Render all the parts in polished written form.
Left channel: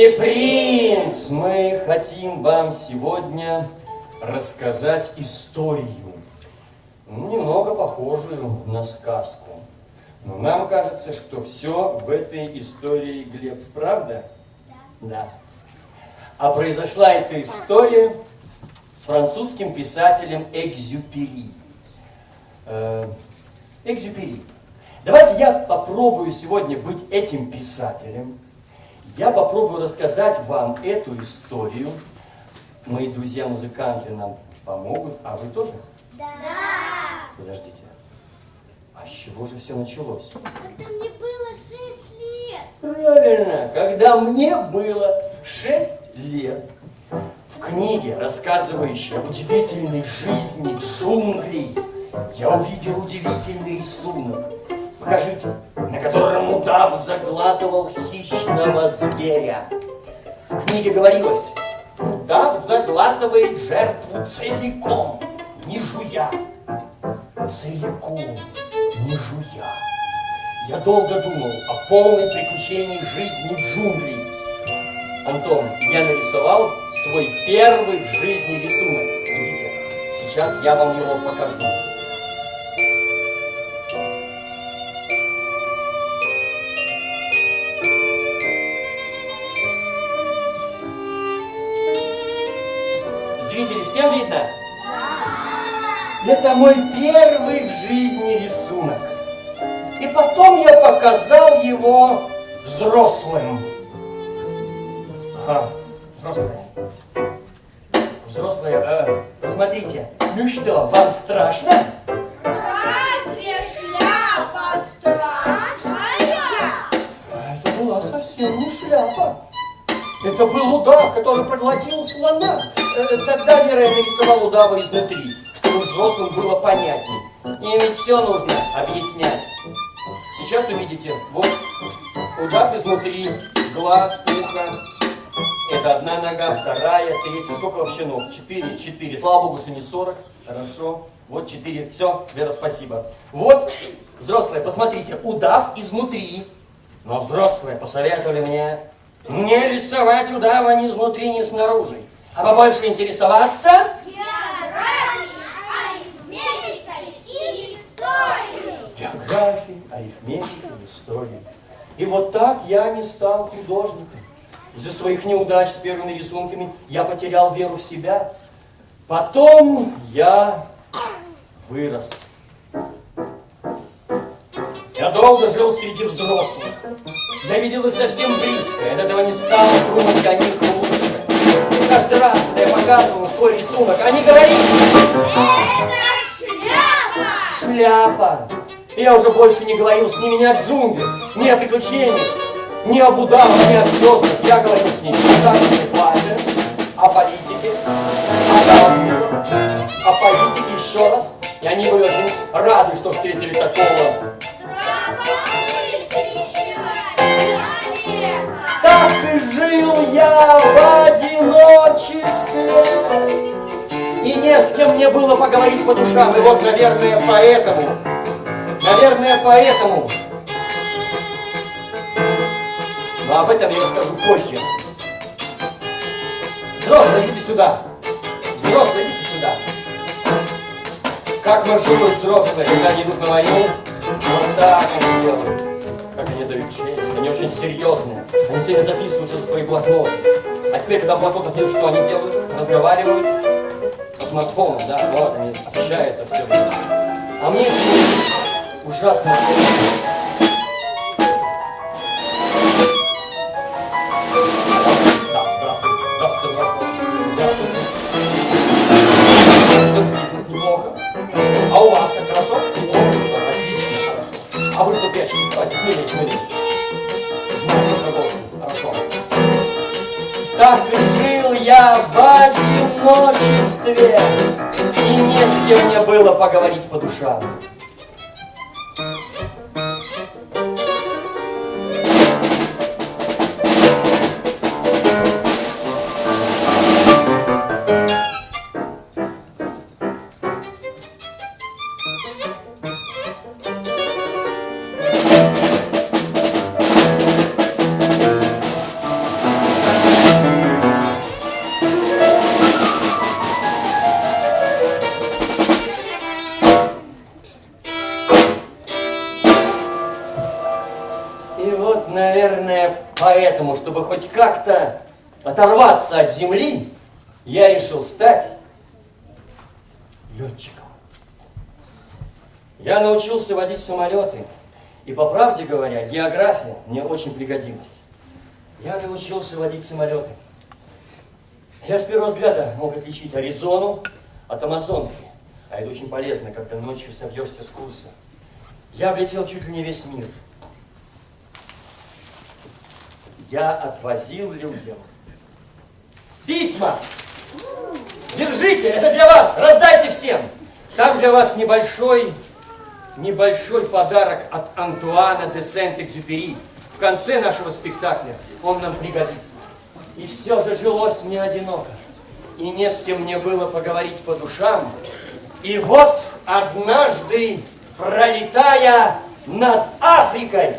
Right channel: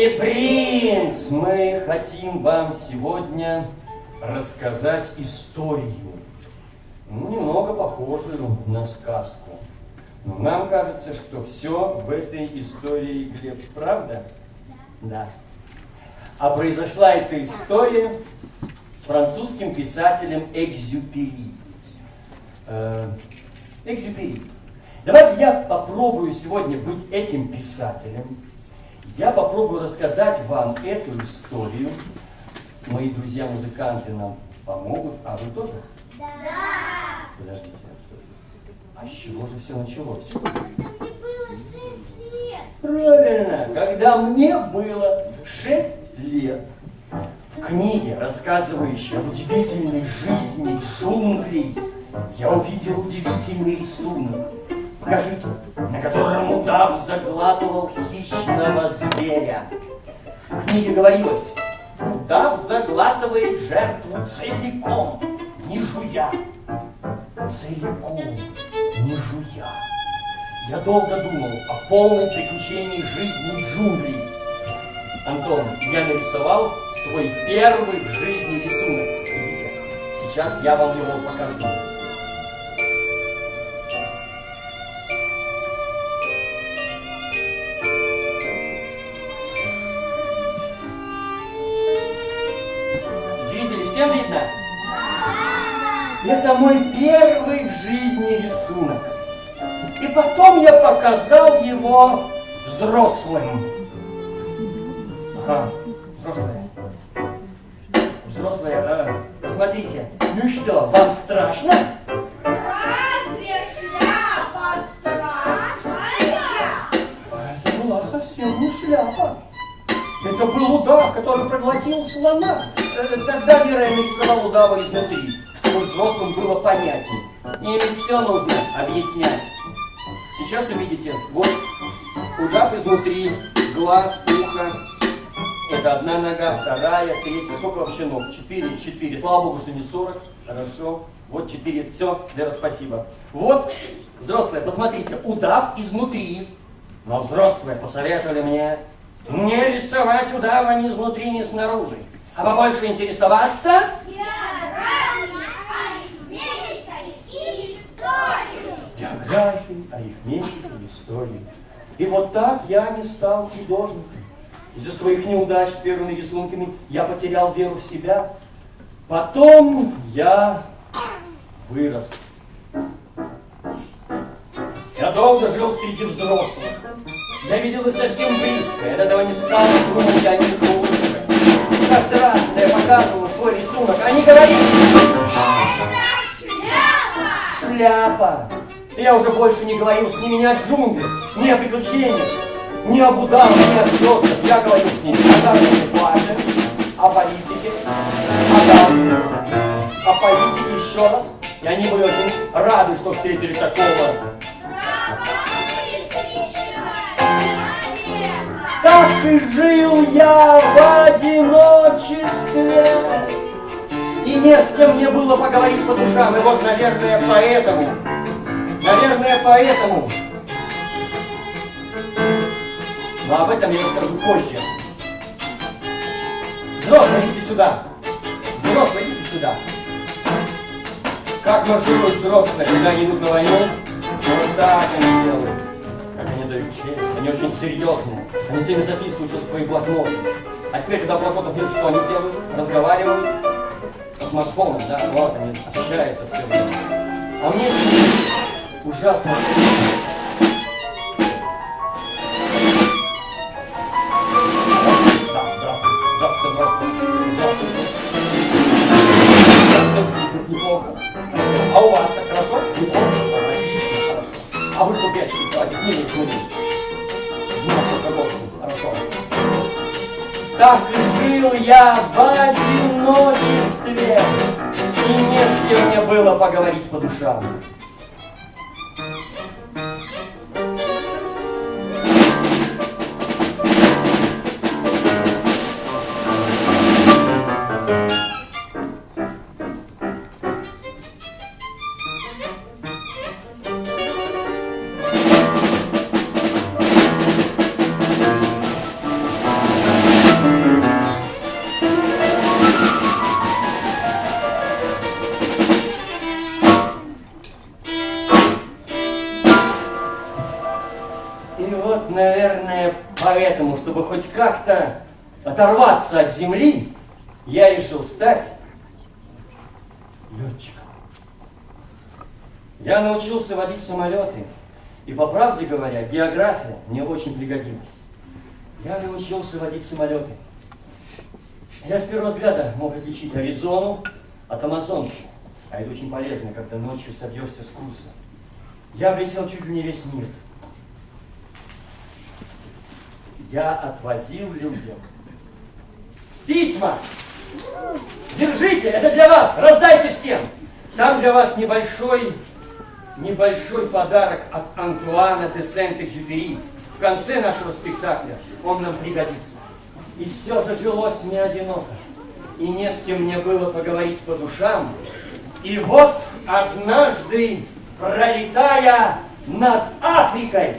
Милый принц, мы хотим вам сегодня рассказать историю, немного похожую на сказку. Но нам кажется, что все в этой истории, Глеб, правда? Да. А произошла эта история с французским писателем Экзюпери. Экзюпери. Давайте я попробую сегодня быть этим писателем. Я попробую рассказать вам эту историю. Мои друзья-музыканты нам помогут, а вы тоже? Да. Подождите. А с чего же все началось? Когда мне было 6 лет. Правильно, когда мне было 6 лет. В книге, рассказывающей об удивительной жизни джунглей, я увидел удивительный рисунок. Покажите, на котором удав заглатывал хищного зверя. В книге говорилось: удав заглатывает жертву целиком, не жуя. Целиком, не жуя. Я долго думал о полной приключении жизни джунглей. Антон, я нарисовал свой первый в жизни рисунок. Видите? Сейчас я вам его покажу. Зрители, всем видно? Это мой первый в жизни рисунок. И потом я показал его взрослым. Ага, взрослые. Взрослые, посмотрите. Ну что, вам страшно? Разве шляпа страшная? Это была совсем не шляпа. Это был удав, который проглотил слона. Тогда Вера нарисовал удава изнутри, чтобы взрослым было понятней. И ведь все нужно объяснять. Сейчас увидите, вот удав изнутри, глаз, ухо. Это одна нога, вторая, третья. Сколько вообще ног? 4. Слава богу, что не 40. Хорошо. Вот 4. Все, Вера, спасибо. Вот, взрослые, посмотрите, удав изнутри. Но взрослые посоветовали мне не рисовать удава ни изнутри, ни снаружи, а побольше интересоваться Географией, арифметикой и историей. географией, арифметикой, историей. И вот так я не стал художником. Из-за своих неудач с первыми рисунками я потерял веру в себя. Потом я вырос. Я долго жил среди взрослых. Я видел их совсем близко. И от этого не стало думать о них лучше. И каждый раз, когда я показывал свой рисунок, они говорили: Это шляпа! шляпа. И я уже больше не говорил с ними ни о джунглях, ни о приключениях, ни об удавах, ни о звездах. Я говорил с ними о заработной плате, о политике, о галстуках, о политике еще раз. И они были очень рады, что встретили такого. Так и жил я в одиночестве. И не с кем мне было поговорить по душам. И вот, наверное, поэтому. Но об этом я расскажу позже. Взрослые, идите сюда. Взрослые, идите сюда. Как маршируют взрослые, когда они идут на войну? Вот так они делают. Как они дают честь. Они очень серьезные. Они все время записывают что-то в свои блокноты. А теперь, когда блокнотов нет, что они делают? Разговаривают по смартфону, да, вот они общаются все время. А мне с ними ужасно сложно. Неплохо. А у вас как хорошо? Отлично, хорошо. А вы что прячетесь? Давайте, смирите. Хорошо. Так жил я в одиночестве, и не с кем мне было поговорить по душам. И вот, наверное, поэтому, чтобы хоть как-то оторваться от земли, я решил стать летчиком. Я научился водить самолеты, и, по правде говоря, география мне очень пригодилась. Я научился водить самолеты. Я с первого взгляда мог отличить Аризону от Амазонки, а это очень полезно, когда ночью собьешься с курса. Я облетел чуть ли не весь мир. Я отвозил людям письма. Держите, это для вас, раздайте всем. Там для вас небольшой подарок от Антуана де Сент-Экзюпери. В конце нашего спектакля он нам пригодится. И все же жилось мне одиноко. И не с кем мне было поговорить по душам. И вот однажды, пролетая над Африкой,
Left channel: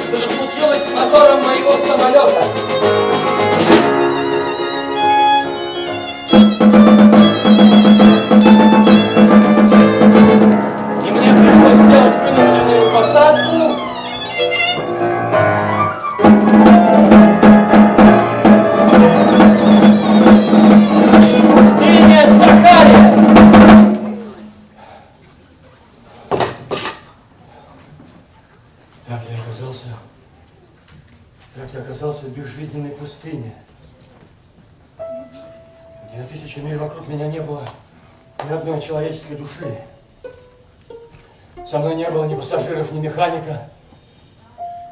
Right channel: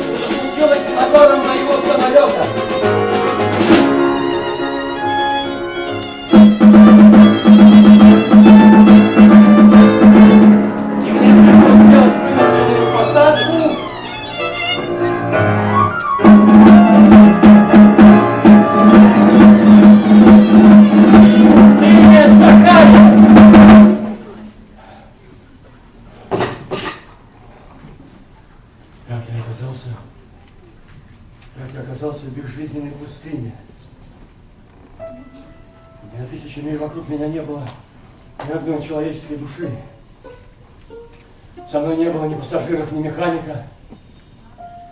что-то случилось с мотором моего самолета. И мне пришлось сделать вынужденную посадку. Пустыня Сахара. Как я оказался в безжизненной пустыне, где на 1000 миль вокруг меня не было ни одной человеческой души. Со мной не было ни пассажиров, ни механика.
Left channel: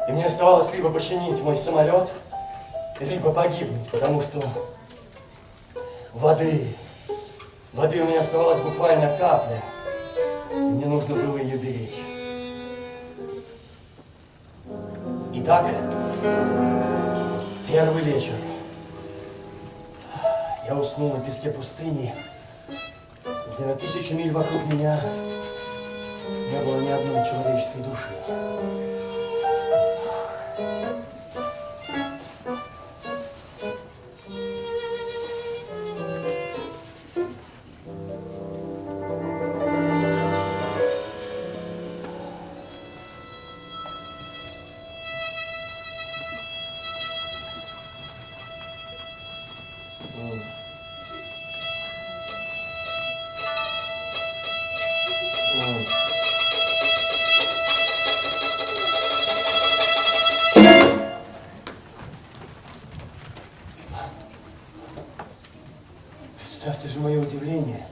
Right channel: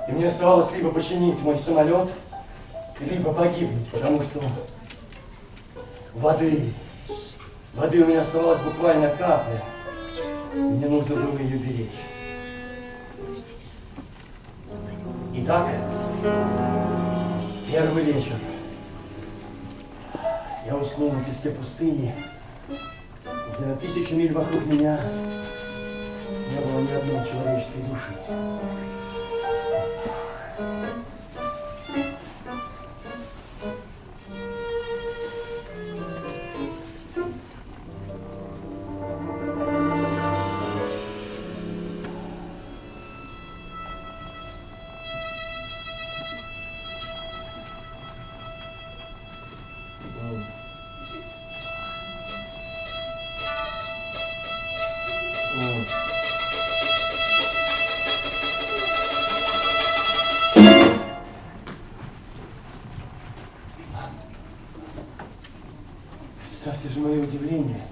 И мне оставалось либо починить мой самолет, либо погибнуть, потому что воды у меня оставалось буквально капля. И мне нужно было ее беречь. Итак, первый вечер. Я уснул на песке пустыни, где на 1000 миль вокруг меня не было ни одной человеческой души. Представьте же мое удивление,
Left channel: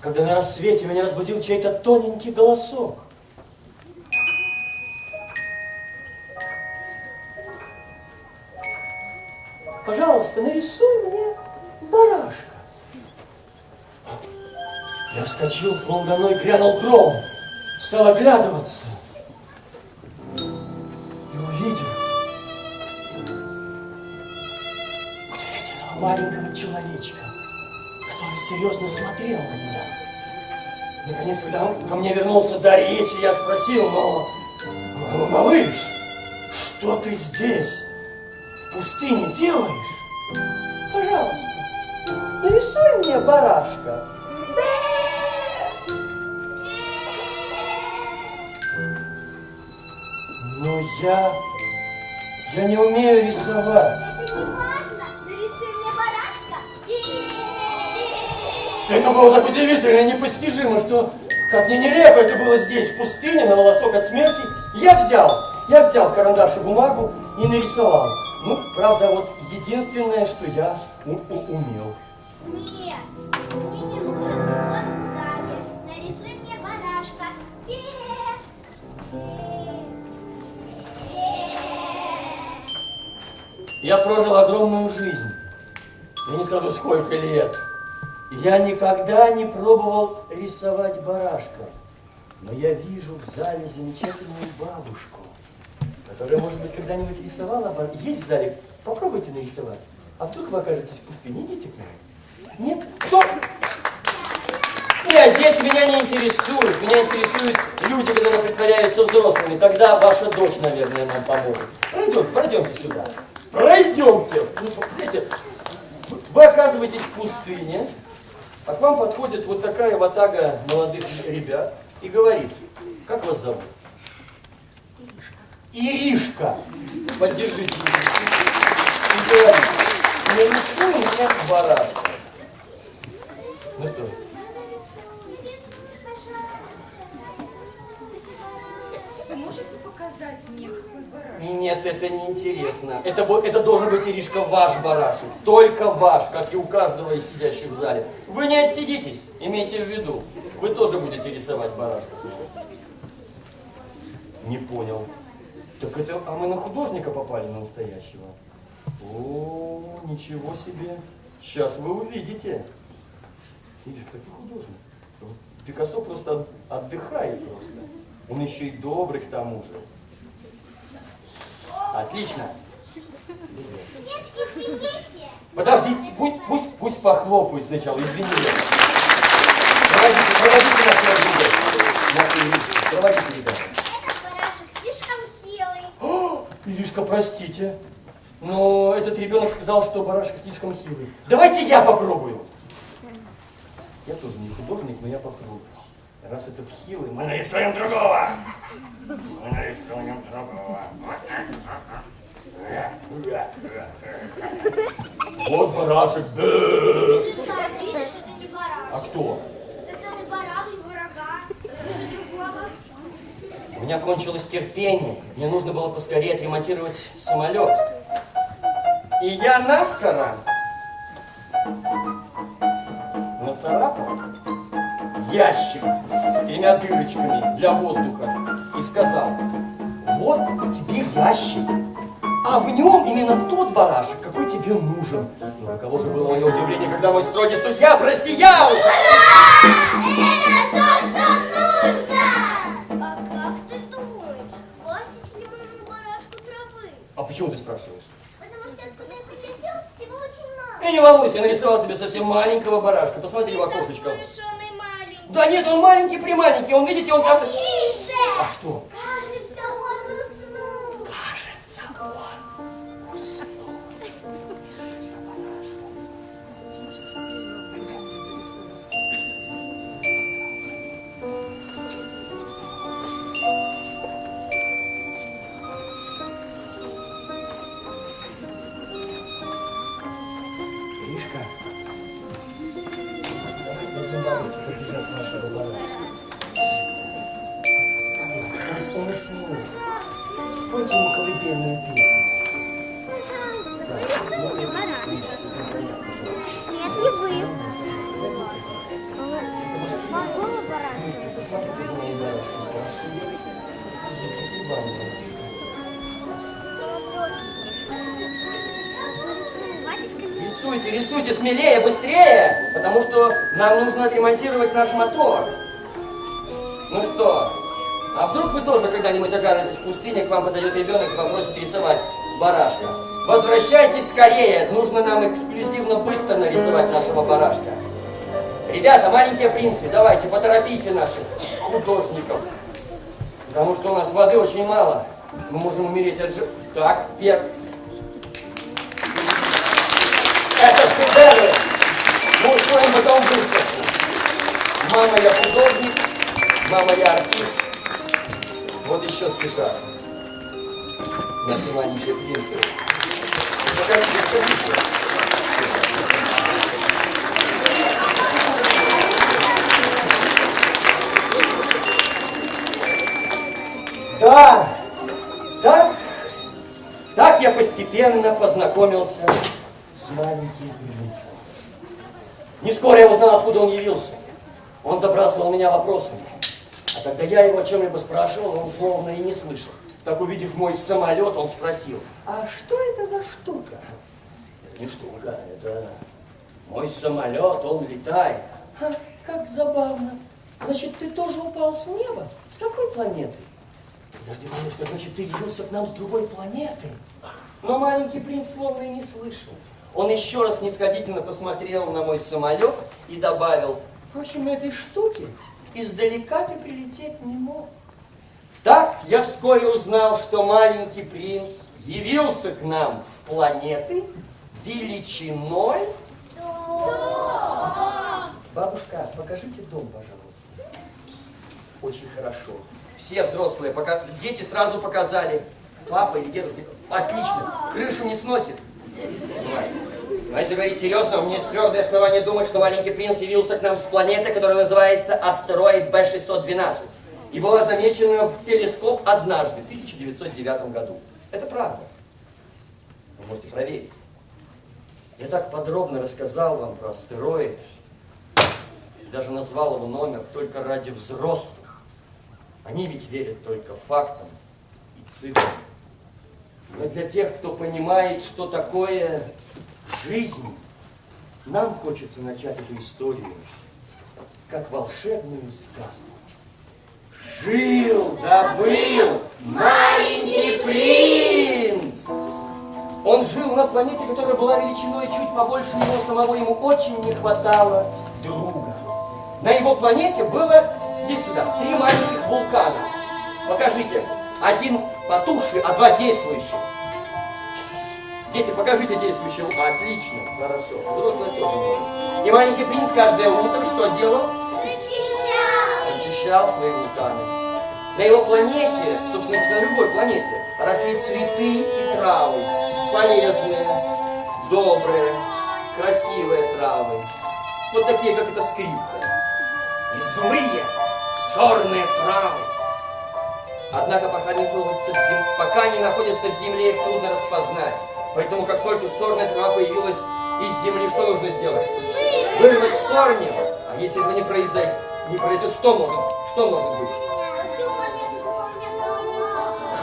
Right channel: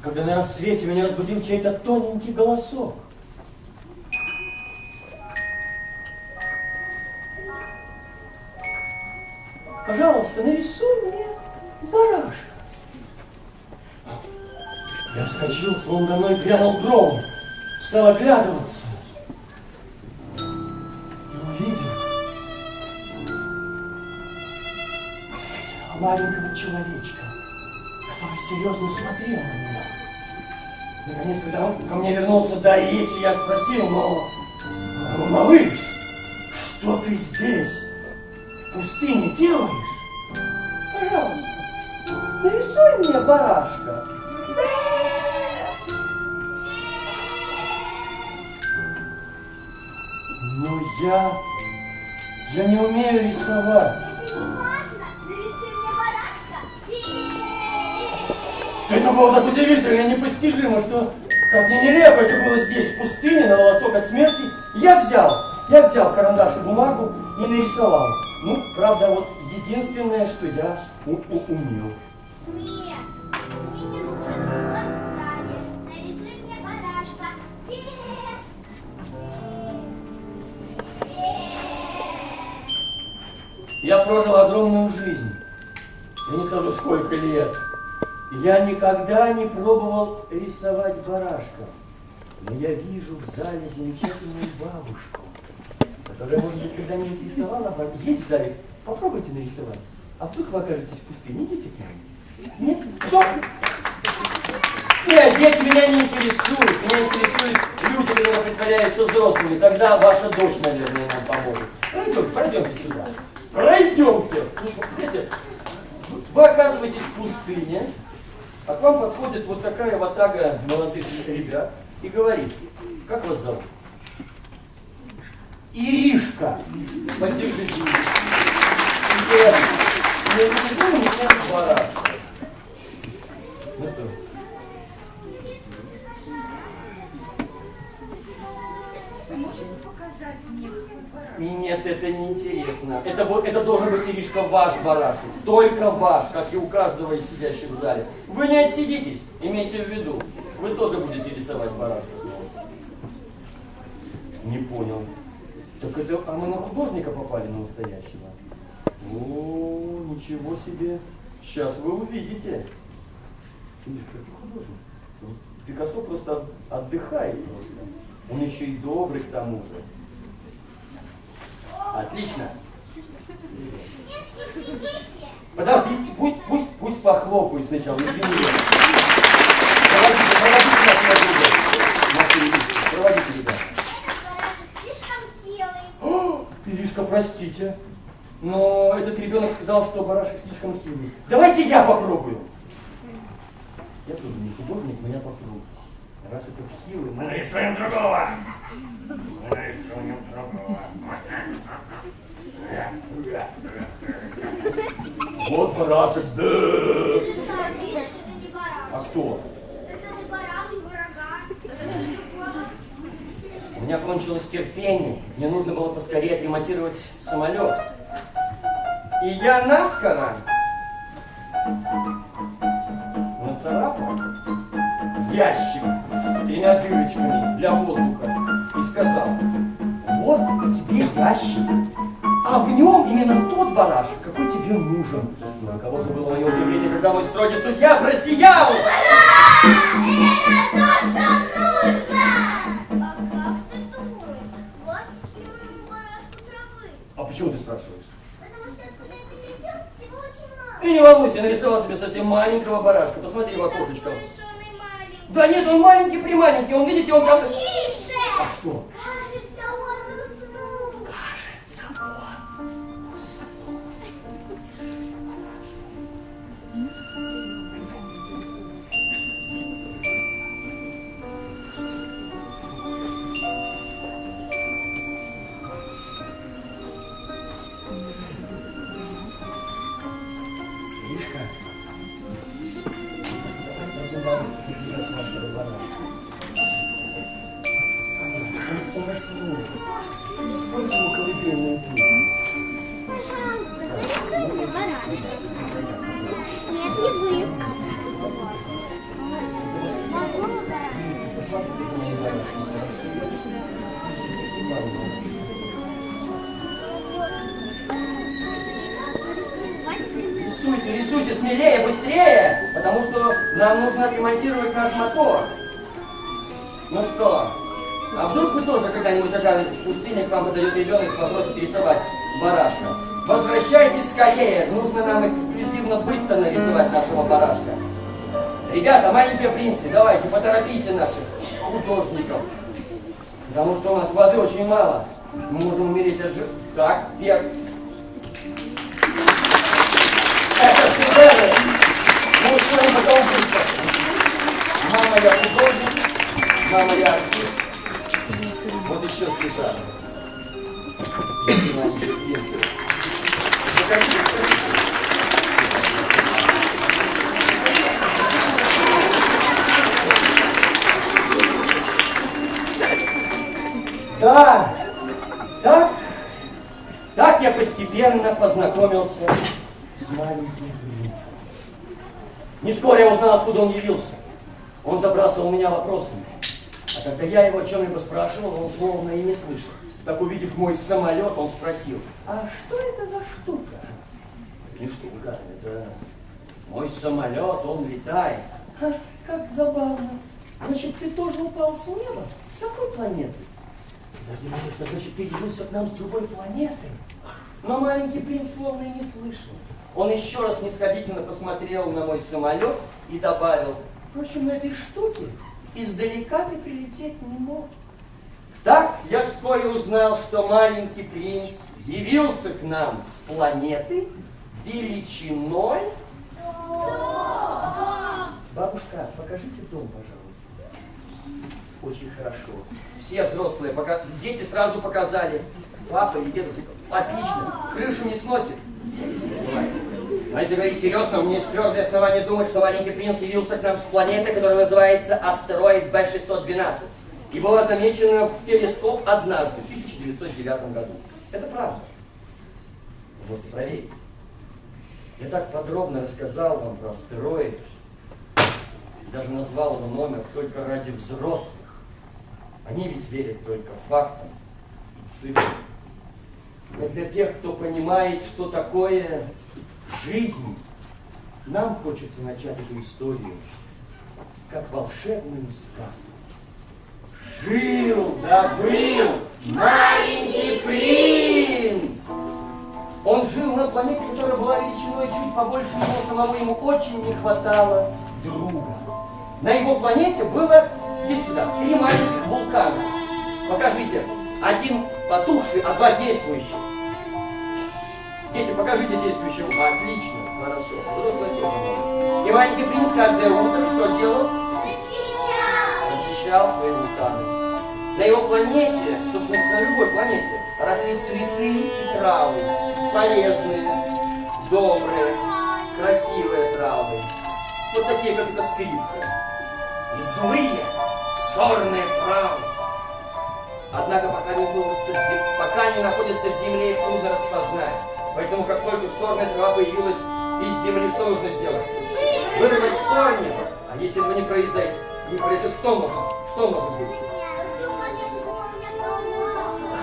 когда на рассвете меня разбудил чей-то тоненький голосок. Пожалуйста, нарисуй мне барашка. Я вскочил, вон до мной грянул гром, стал оглядываться и увидел маленького человечка, который серьезно смотрел на меня. Наконец, когда он ко мне вернулся до речи, я спросил: но малыш, что ты здесь в пустыне делаешь? Пожалуйста, нарисуй мне барашка. Но я не умею рисовать. Все это было так удивительно и непостижимо, что, как ни нелепо это было здесь, в пустыне, на волосок от смерти, я взял карандаш и бумагу и нарисовал. Ну, правда, вот единственное, что я умел. Нет, мне не нужен свод бумаги. Нарисуй мне барашка. Я прожил огромную жизнь. Я не скажу, сколько лет. Я никогда не пробовал рисовать барашка. Но я вижу в зале замечательную бабушку, которая, может быть, когда-нибудь рисовала. Есть в зале? Попробуйте нарисовать. А вдруг вы окажетесь в пустыне? Идите к нам. Нет? Кто? Нет, дети меня не интересуют. Меня интересуют люди, которые притворяются взрослыми. Тогда ваша дочь, наверное, нам поможет. Пройдемте сюда. Пройдемте. Знаете, вы оказываетесь в пустыне, а к вам подходит вот такая ватага молодых ребят и говорит: как вас зовут? Иришка. Поддержите Иришку. И говорит: нарисуй меня барашка. Ну что? Вы можете показать мне, какой барашек? Нет, это не интересно. Это должен быть, Иришка, ваш барашек. Только ваш, как и у каждого из сидящих в зале. Вы не отсидитесь, имейте в виду. Вы тоже будете рисовать барашек. Не понял. Так это, а мы на художника попали, на настоящего? О, ничего себе. Сейчас вы увидите. Иришка, какой художник? Пикассо просто отдыхает просто. Он еще и добрый к тому же. Отлично. Нет, извините. Подожди, пусть похлопают сначала, извини. Проводите нас, проводите, ребята. Этот барашек слишком хилый. О, Иришка, простите, но этот ребенок сказал, что барашек слишком хилый. Давайте я попробую. Я тоже не художник, но я попробую. Раз этот хилый, мы нарисуем другого. Мы нарисуем другого. Вот барашек. Да, видишь, это не барашек. А кто? Это не баран, не бараган. Это не другого. У меня кончилось терпение. Мне нужно было поскорее отремонтировать самолет. И я наскоро нацарапал ящик с 3 дырочками для воздуха и сказал: вот тебе ящик, а в нем именно тот барашек, какой тебе нужен. На кого же было мое удивление, когда мой строгий судья просиял! Это то, что нужно! А как ты думаешь, хватит ли моему барашку травы? А почему ты спрашиваешь? Потому что откуда я прилетел, всего очень мало. И не волнуйся, я нарисовал тебе совсем маленького барашка. Посмотри в окошечко. Такой уж он и маленький. Да нет, он маленький-прималенький. Он, видите, он там... Тише! А что? Кажется, он уснул. Кажется, он уснул. Иришка. Он уснул. Спойте ему колыбельную песню. Пожалуйста, нарисуй мне барашка. Нет, не вы. Могу на барашка? Мистер, посмотрите за моим барашком, хорошо? Ладно, рисуйте, рисуйте смелее, быстрее, потому что нам нужно отремонтировать наш мотор. Ну что, а вдруг вы тоже когда-нибудь окажетесь в пустыне, к вам подойдет ребенок и попросит рисовать барашка? Возвращайтесь скорее, нужно нам эксклюзивно быстро нарисовать нашего барашка. Ребята, маленькие принцы, давайте, поторопите наших художников, потому что у нас воды очень мало. Мы можем умереть от жи... Так, Пер. Это шедевр! Мы устроим потом быстро. Мама, я художник, мама, я артист. Вот еще спеша. Маленькие принцы. Покажите, покажите. Да, так я постепенно познакомился с маленьким принцем. Не скоро я узнал, откуда он явился. Он забрасывал меня вопросами. А когда я его о чем-либо спрашивал, он словно и не слышал. Так, увидев мой самолет, он спросил: а что это за штука? Не штука, это мой самолет, он летает. А, как забавно. Значит, ты тоже упал с неба? С какой планеты? Подожди, малыш, значит, ты явился к нам с другой планеты? Но маленький принц словно и не слышал. Он еще раз снисходительно посмотрел на мой самолет и добавил: В общем, на этой штуке издалека ты прилететь не мог. Так я вскоре узнал, что маленький принц явился к нам с планеты величиной. Бабушка, покажите дом, пожалуйста. Очень хорошо. Все взрослые, дети сразу показали. Папа или дедушка. Отлично. Крышу не сносит. Но если говорить серьезно, у меня есть твердое основание думать, что маленький принц явился к нам с планеты, которая называется астероид Б-612. И была замечена в телескоп однажды, в 1909 году. Это правда. Вы можете проверить. Я так подробно рассказал вам про астероид, даже назвал его номер только ради взрослых. Они ведь верят только фактам и цифрам. Но для тех, кто понимает, что такое жизнь, нам хочется начать эту историю как волшебную сказку. Жил да был маленький принц. Он жил на планете, которая была величиной чуть побольше его самого. Ему очень не хватало друга. На его планете было, идите сюда, 3 маленьких вулкана. Покажите. Один потухший, а 2 действующих. Дети, покажите действующего. Отлично, хорошо. Взрослые тоже могут. И маленький принц каждое утро что делал? Очищал свои вулканы. На его планете, собственно, на любой планете, росли цветы и травы. Полезные, добрые, красивые травы. Вот такие, как эта скрипка. И злые, сорные травы. Однако, пока они находятся в земле, их трудно распознать. Поэтому, как только сорная трава появилась из земли, что нужно сделать? Вырвать с корнем. А если этого не произойдет, что может быть?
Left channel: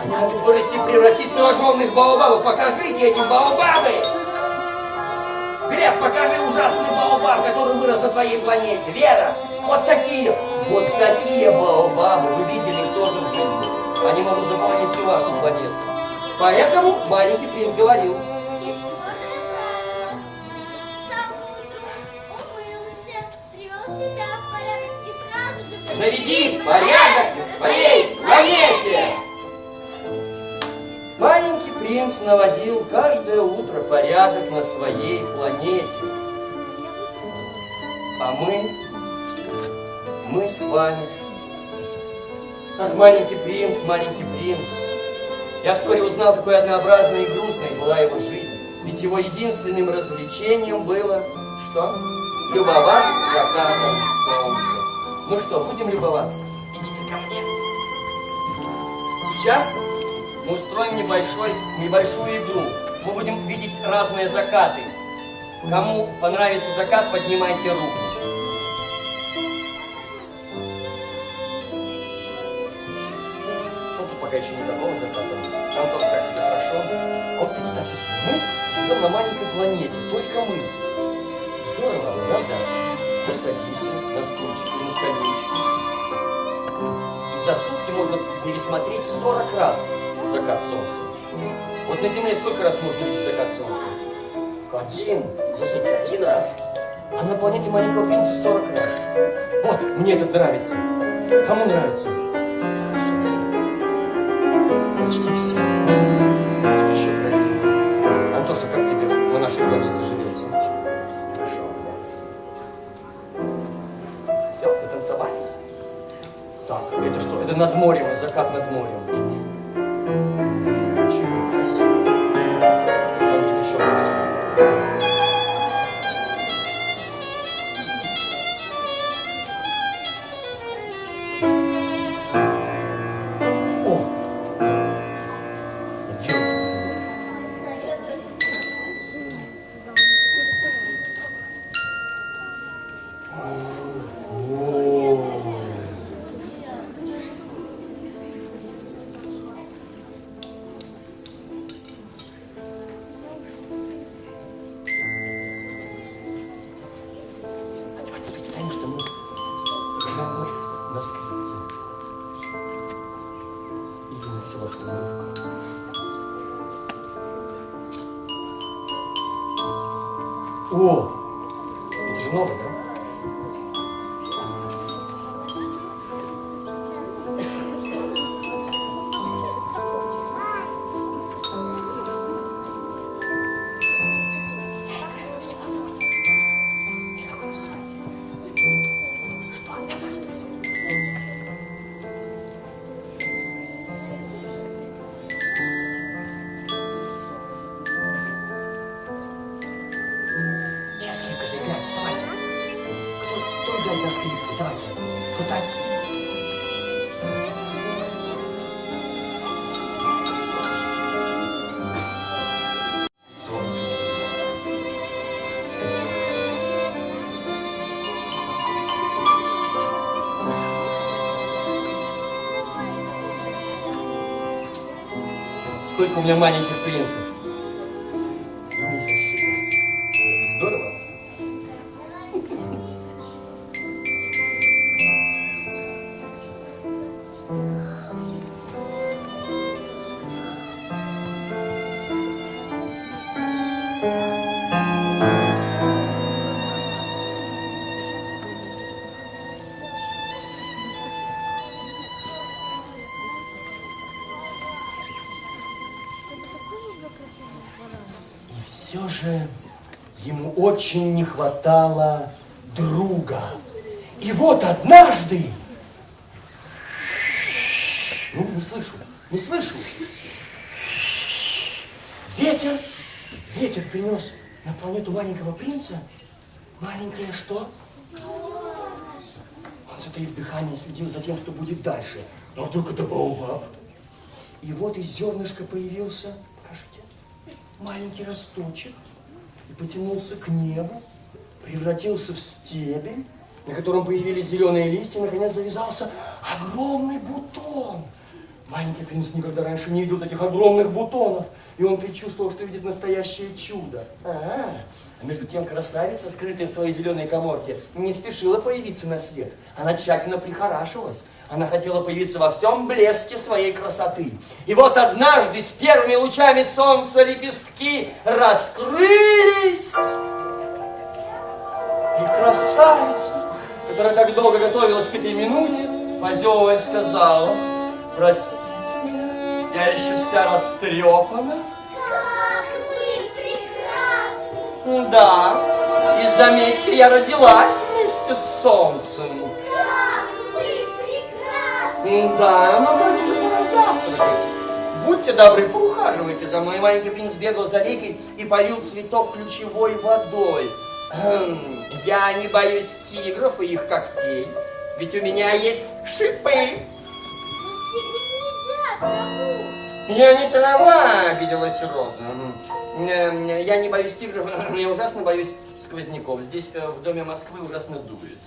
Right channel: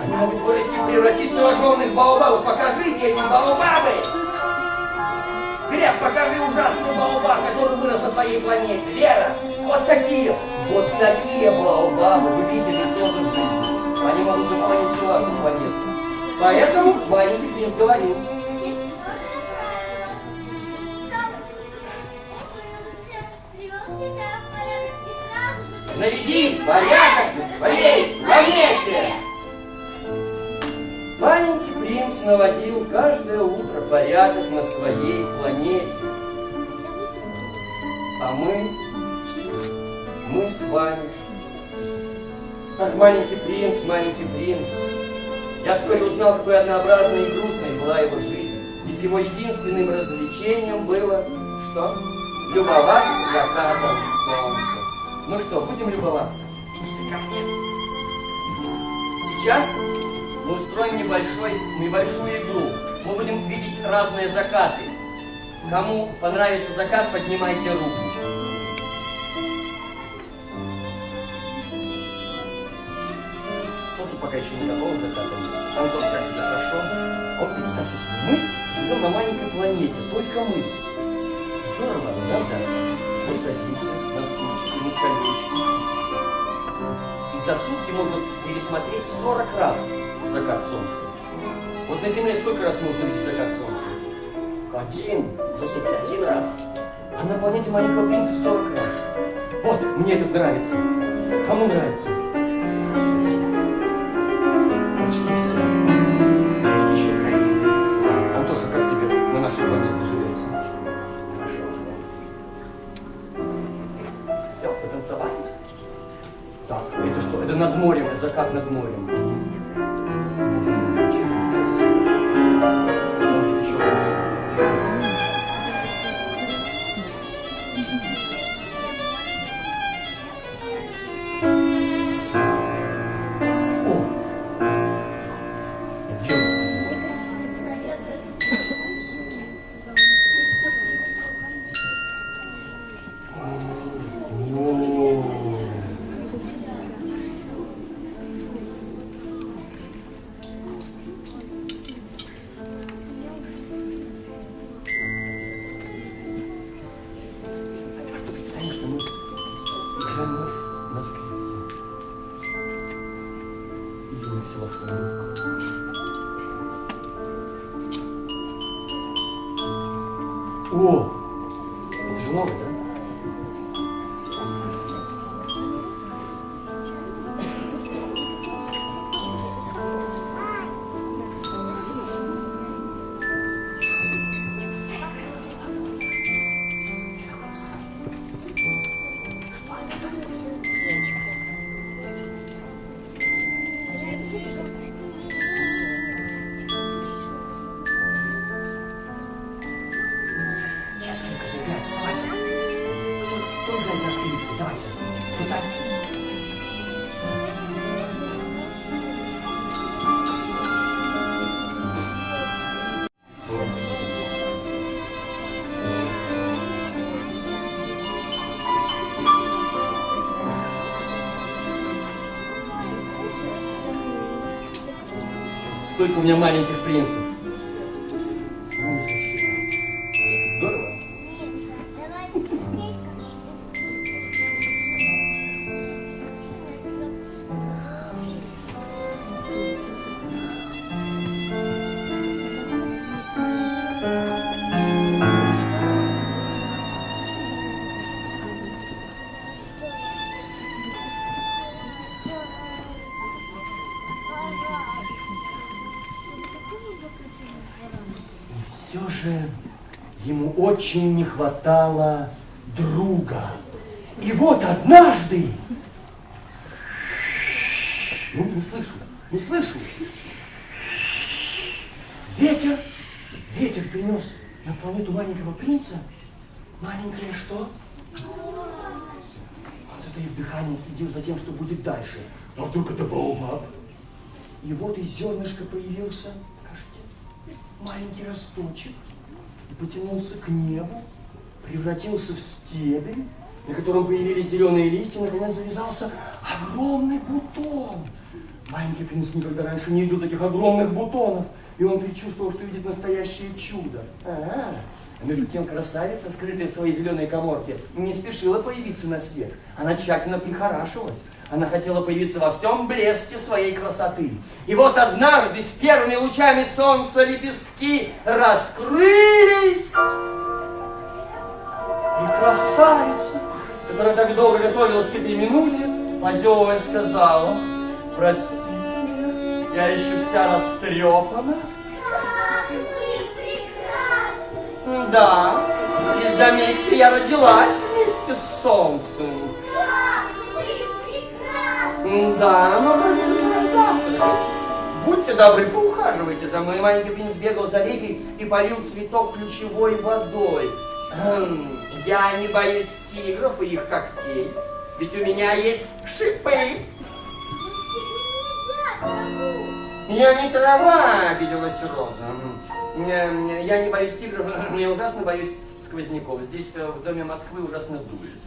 Они могут вырасти, превратиться в огромных баобабов. Покажите эти баобабы! Глеб, покажи ужасный баобаб, который вырос на твоей планете. Вера, вот такие баобабы. Вы видели их тоже в жизни. Они могут заполонить всю вашу планету. Поэтому маленький принц говорил. Наведи порядок на своей планете! Маленький принц наводил каждое утро порядок на своей планете. А мы с вами, как маленький принц, я вскоре узнал, какой однообразной и грустной была его жизнь. Ведь его единственным развлечением было, что? Любоваться закатом солнца. Ну что, будем любоваться? Идите ко мне. Сейчас мы устроим небольшую игру. Мы будем видеть разные закаты. Кому понравится закат, поднимайте руку. Вот пока еще никакого заката нет. Антон, как тебе хорошо? Вот представьте себе, мы живем на маленькой планете, только мы. Здорово, правда? Мы садимся на стульчик или на скамеечку. И за сутки можно пересмотреть 40 раз закат солнца. Вот на Земле сколько раз можно видеть закат солнца? За сутки 1 раз. А на планете маленького принца 40 раз. Вот, мне это нравится. Кому нравится? Почти все. Еще красиво. Антоша, как тебе на нашей планете живется? Хорошо, молодцы. Все, потанцевались? Так, это что? Это над морем, закат над морем. Очень красиво. Будет еще красиво. О, это же новое, да? сколько у меня маленьких принцев. Не сосчитать. Здорово. Все же ему очень не хватало друга. И вот однажды... Ну, не слышу. Ветер принес на планету маленького принца. Маленькое что? Он затаив дыхание следил за тем, что будет дальше. А вдруг это баобаб? И вот из зернышка появился, кажется, маленький росточек и потянулся к небу, превратился в стебель, на котором появились зеленые листья, наконец завязался огромный бутон. Маленький принц никогда раньше не видел таких огромных бутонов, и он предчувствовал, что видит настоящее чудо. А между тем красавица, скрытая в своей зеленой каморке, не спешила появиться на свет. Она тщательно прихорашивалась. Она хотела появиться во всем блеске своей красоты. И вот однажды с первыми лучами солнца лепестки раскрылись. И красавица, которая так долго готовилась к этой минуте, позевывая, сказала: простите меня, я еще вся растрепана. Как вы прекрасны! Да, и заметьте, я родилась вместе с солнцем. Как вы прекрасны! Да, но кажется, пора завтракать. Будьте добры, поухаживайте за мной. Маленький принц бегал за рекой и полил цветок ключевой водой. Я не боюсь тигров и их когтей, ведь у меня есть шипы. Но тигры не едят траву. Я не трава, обиделась Роза. Я не боюсь тигров, я ужасно боюсь сквозняков. Здесь в доме Москвы ужасно дует.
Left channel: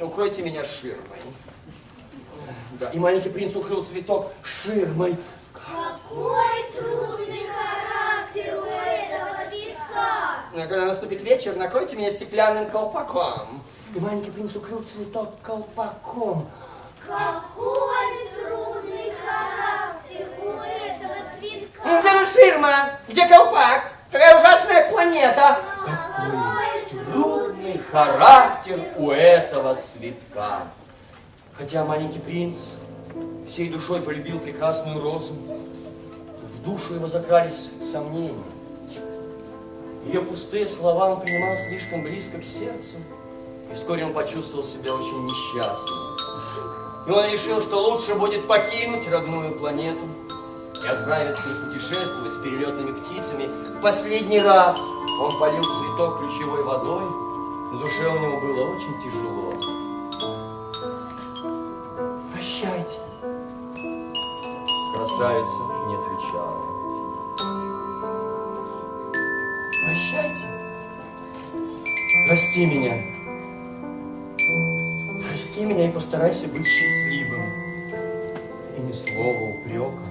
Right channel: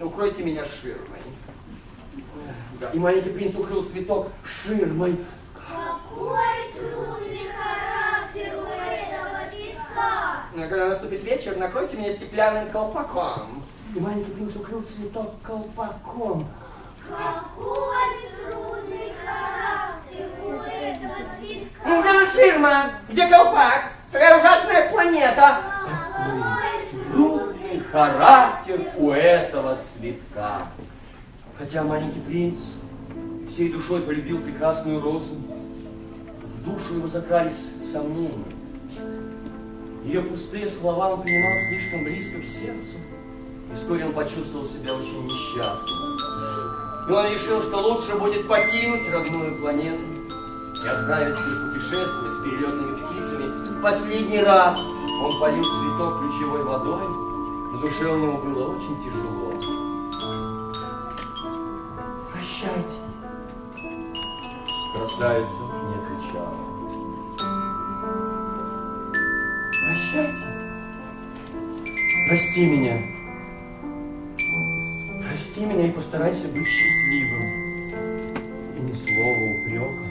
Укройте меня ширмой. Да. И маленький принц укрыл цветок ширмой. Какой трудный характер у этого цветка! Когда наступит вечер, накройте меня стеклянным колпаком. И маленький принц укрыл цветок колпаком. Какой трудный характер у этого цветка! Где ширма? Где колпак? Какая ужасная планета! Какой Трудный характер у этого цветка. Хотя маленький принц всей душой полюбил прекрасную розу, в душу его закрались сомнения. Ее пустые слова он принимал слишком близко к сердцу, и вскоре он почувствовал себя очень несчастным. И он решил, что лучше будет покинуть родную планету и отправиться путешествовать с перелетными птицами. В последний раз он полил цветок ключевой водой, на душе у него было очень тяжело. Прощайте. Красавица не отвечала. Прощайте. Прости меня. Прости меня и постарайся быть счастливым. И ни слова упрека.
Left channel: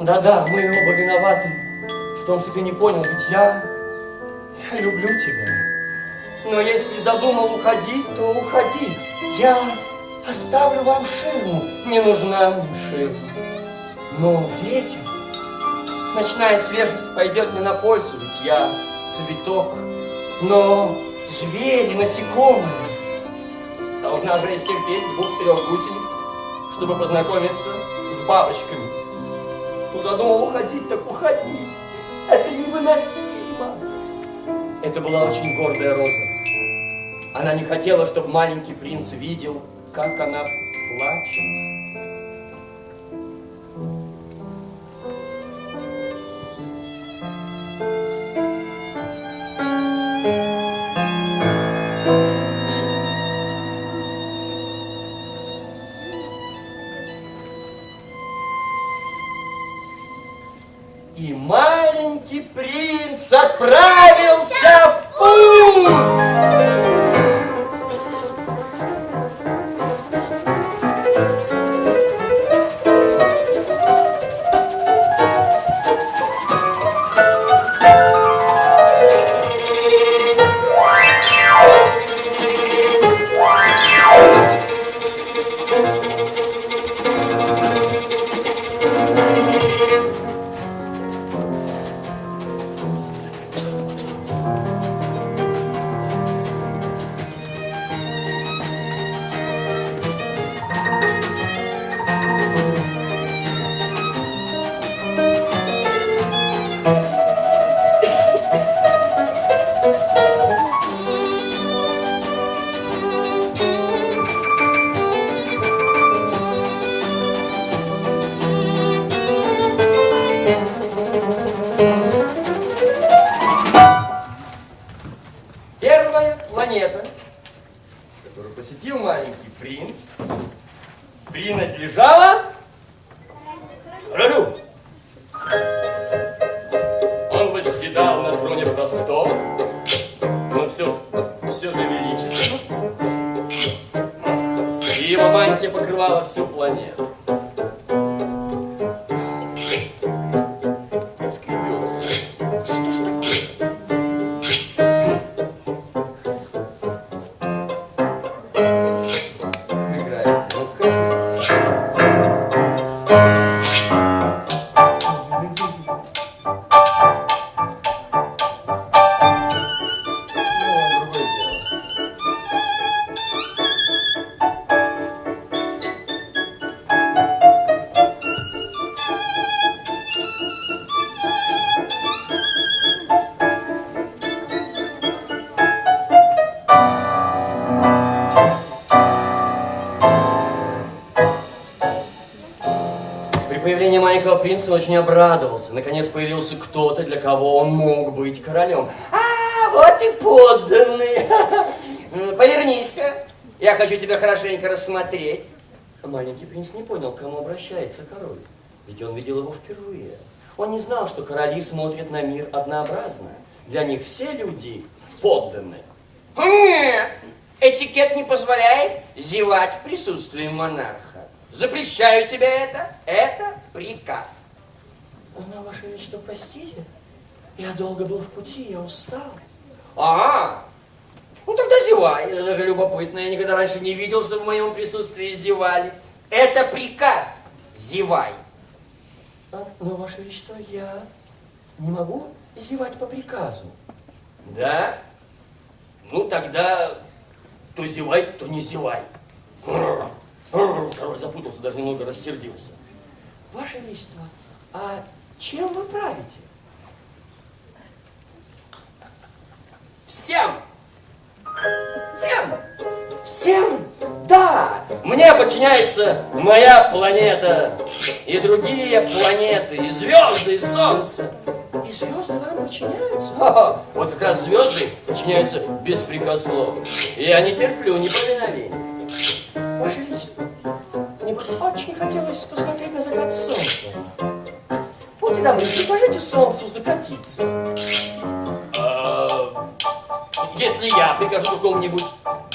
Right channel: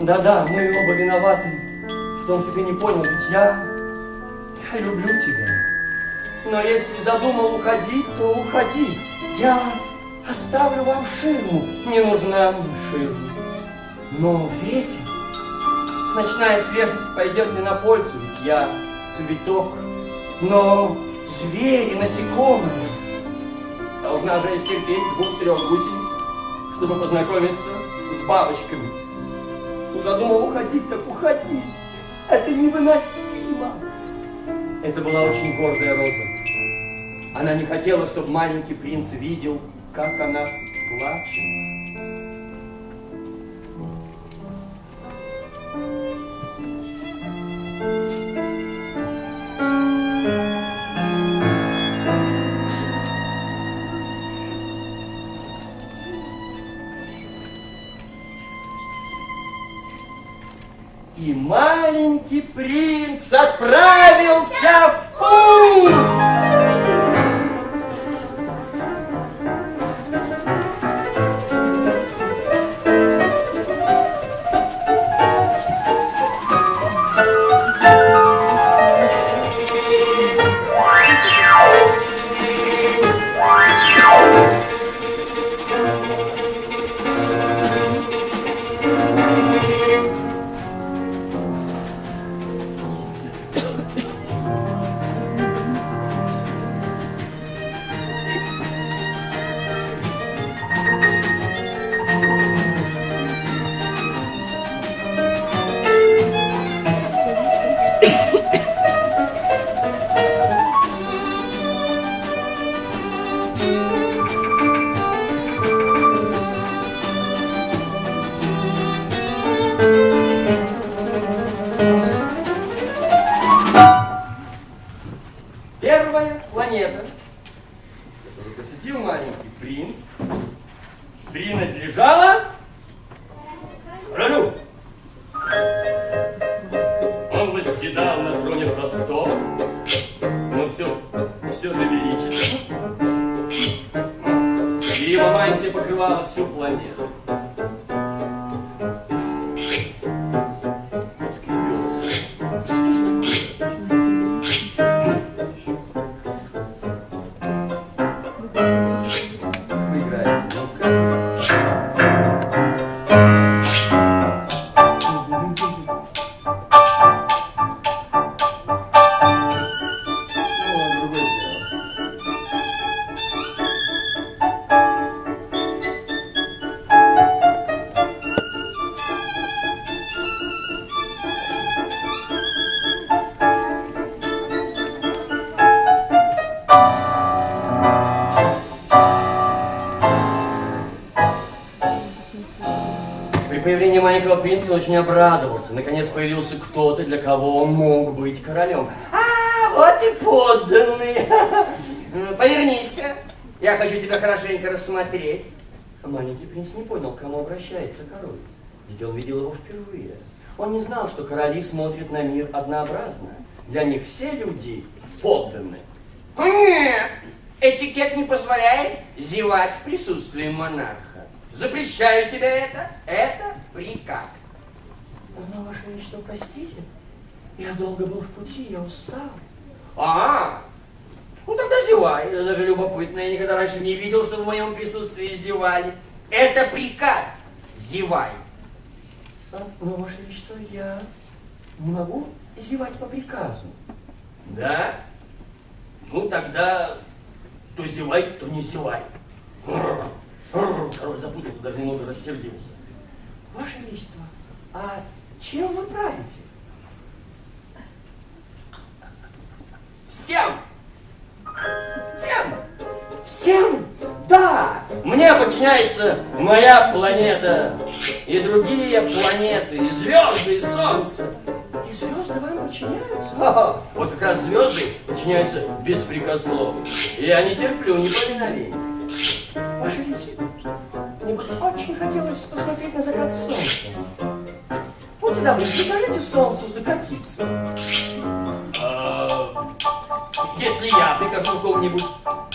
Да-да, мы оба виноваты в том, что ты не понял, ведь я люблю тебя. Но если задумал уходить, то уходи. Я оставлю вам ширму. Не нужна мне ширма. Но ветер, ночная свежесть пойдет мне на пользу, ведь я цветок. Но звери, насекомые, должна же я стерпеть 2-3 гусениц, чтобы познакомиться с бабочками. Ну, задумал уходить, так уходи. Это невыносимо. Это была очень гордая роза. Она не хотела, чтобы маленький принц видел, как она плачет. И маленький принц отправился в путь. принц принадлежала королю. Он восседал на троне простом, но все же величественно. И его мантия покрывала всю планету. Скривился. Что ж такое? Играет звука. При появлении маленького принца он очень обрадовался. Наконец появился кто-то, для кого он мог быть королем. А, вот и подданный. Повернись-ка. Я хочу тебя хорошенько рассмотреть. Маленький принц не понял, к кому обращается король. Ведь он видел его впервые. Он не знал, что короли смотрят на мир однообразно. Для них все люди подданные. Нет, этикет не позволяет зевать в присутствии монарха. Запрещаю тебе это. Это приказ. Но, Ваше Величество, простите, я долго был в пути, я устал. Ага. Ну тогда зевай. Это даже любопытно. Я никогда раньше не видел, что в моем присутствии зевали. Это приказ. Зевай. Но, Ваше Величество, я не могу зевать по приказу. Да? Ну тогда то зевай, то не зевай. Король запутался, даже немного рассердился. Ваше Величество, а чем вы правите? Всем! Всем! Всем! Да! Мне подчиняется моя планета, и другие планеты, и звезды, и солнце. И звезды вам подчиняются? Ха-ха. Вот как раз звезды подчиняются беспрекословно. Я не терплю неповиновения. Ваше Величество, мне бы очень хотелось посмотреть на закат солнца. Будьте добры, предложите солнцу закатиться. Если я прикажу какому-нибудь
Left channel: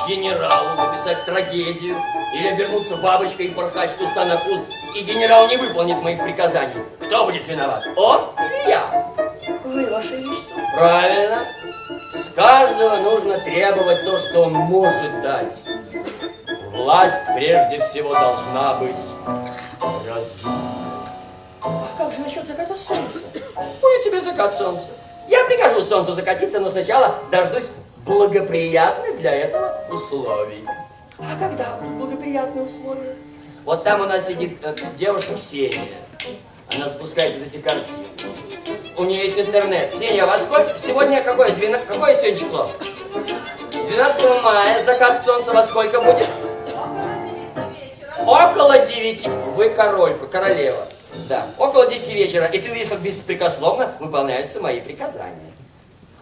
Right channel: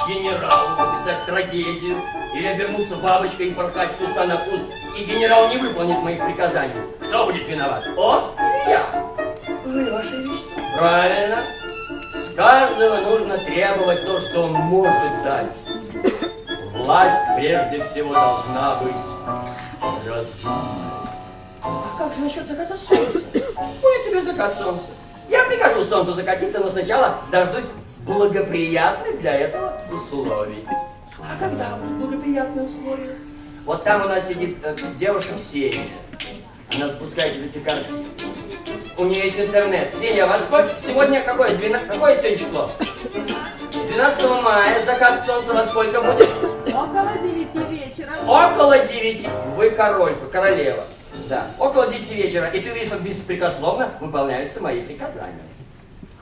генералу написать трагедию или обернуться бабочкой и порхать с куста на куст, и генерал не выполнит моих приказаний, кто будет виноват? Он или я? Вы, Ваше Величество. Правильно. С каждого нужно требовать то, что он может дать. Власть прежде всего должна быть разумной. А как же насчет заката солнца? Будет тебе закат солнца. Я прикажу солнцу закатиться, но сначала дождусь благоприятных для этого условий. А когда будут благоприятные условия? Вот там у нас сидит девушка Ксения. Она запускает эти картины. У нее есть интернет. Ксения, во сколько? Сегодня какое? Какое сегодня число? 12 мая. Закат солнца во сколько будет? Около 9 вечера. Около 9. Вы королева. Да, около 9 вечера. И ты видишь, как беспрекословно выполняются мои приказания.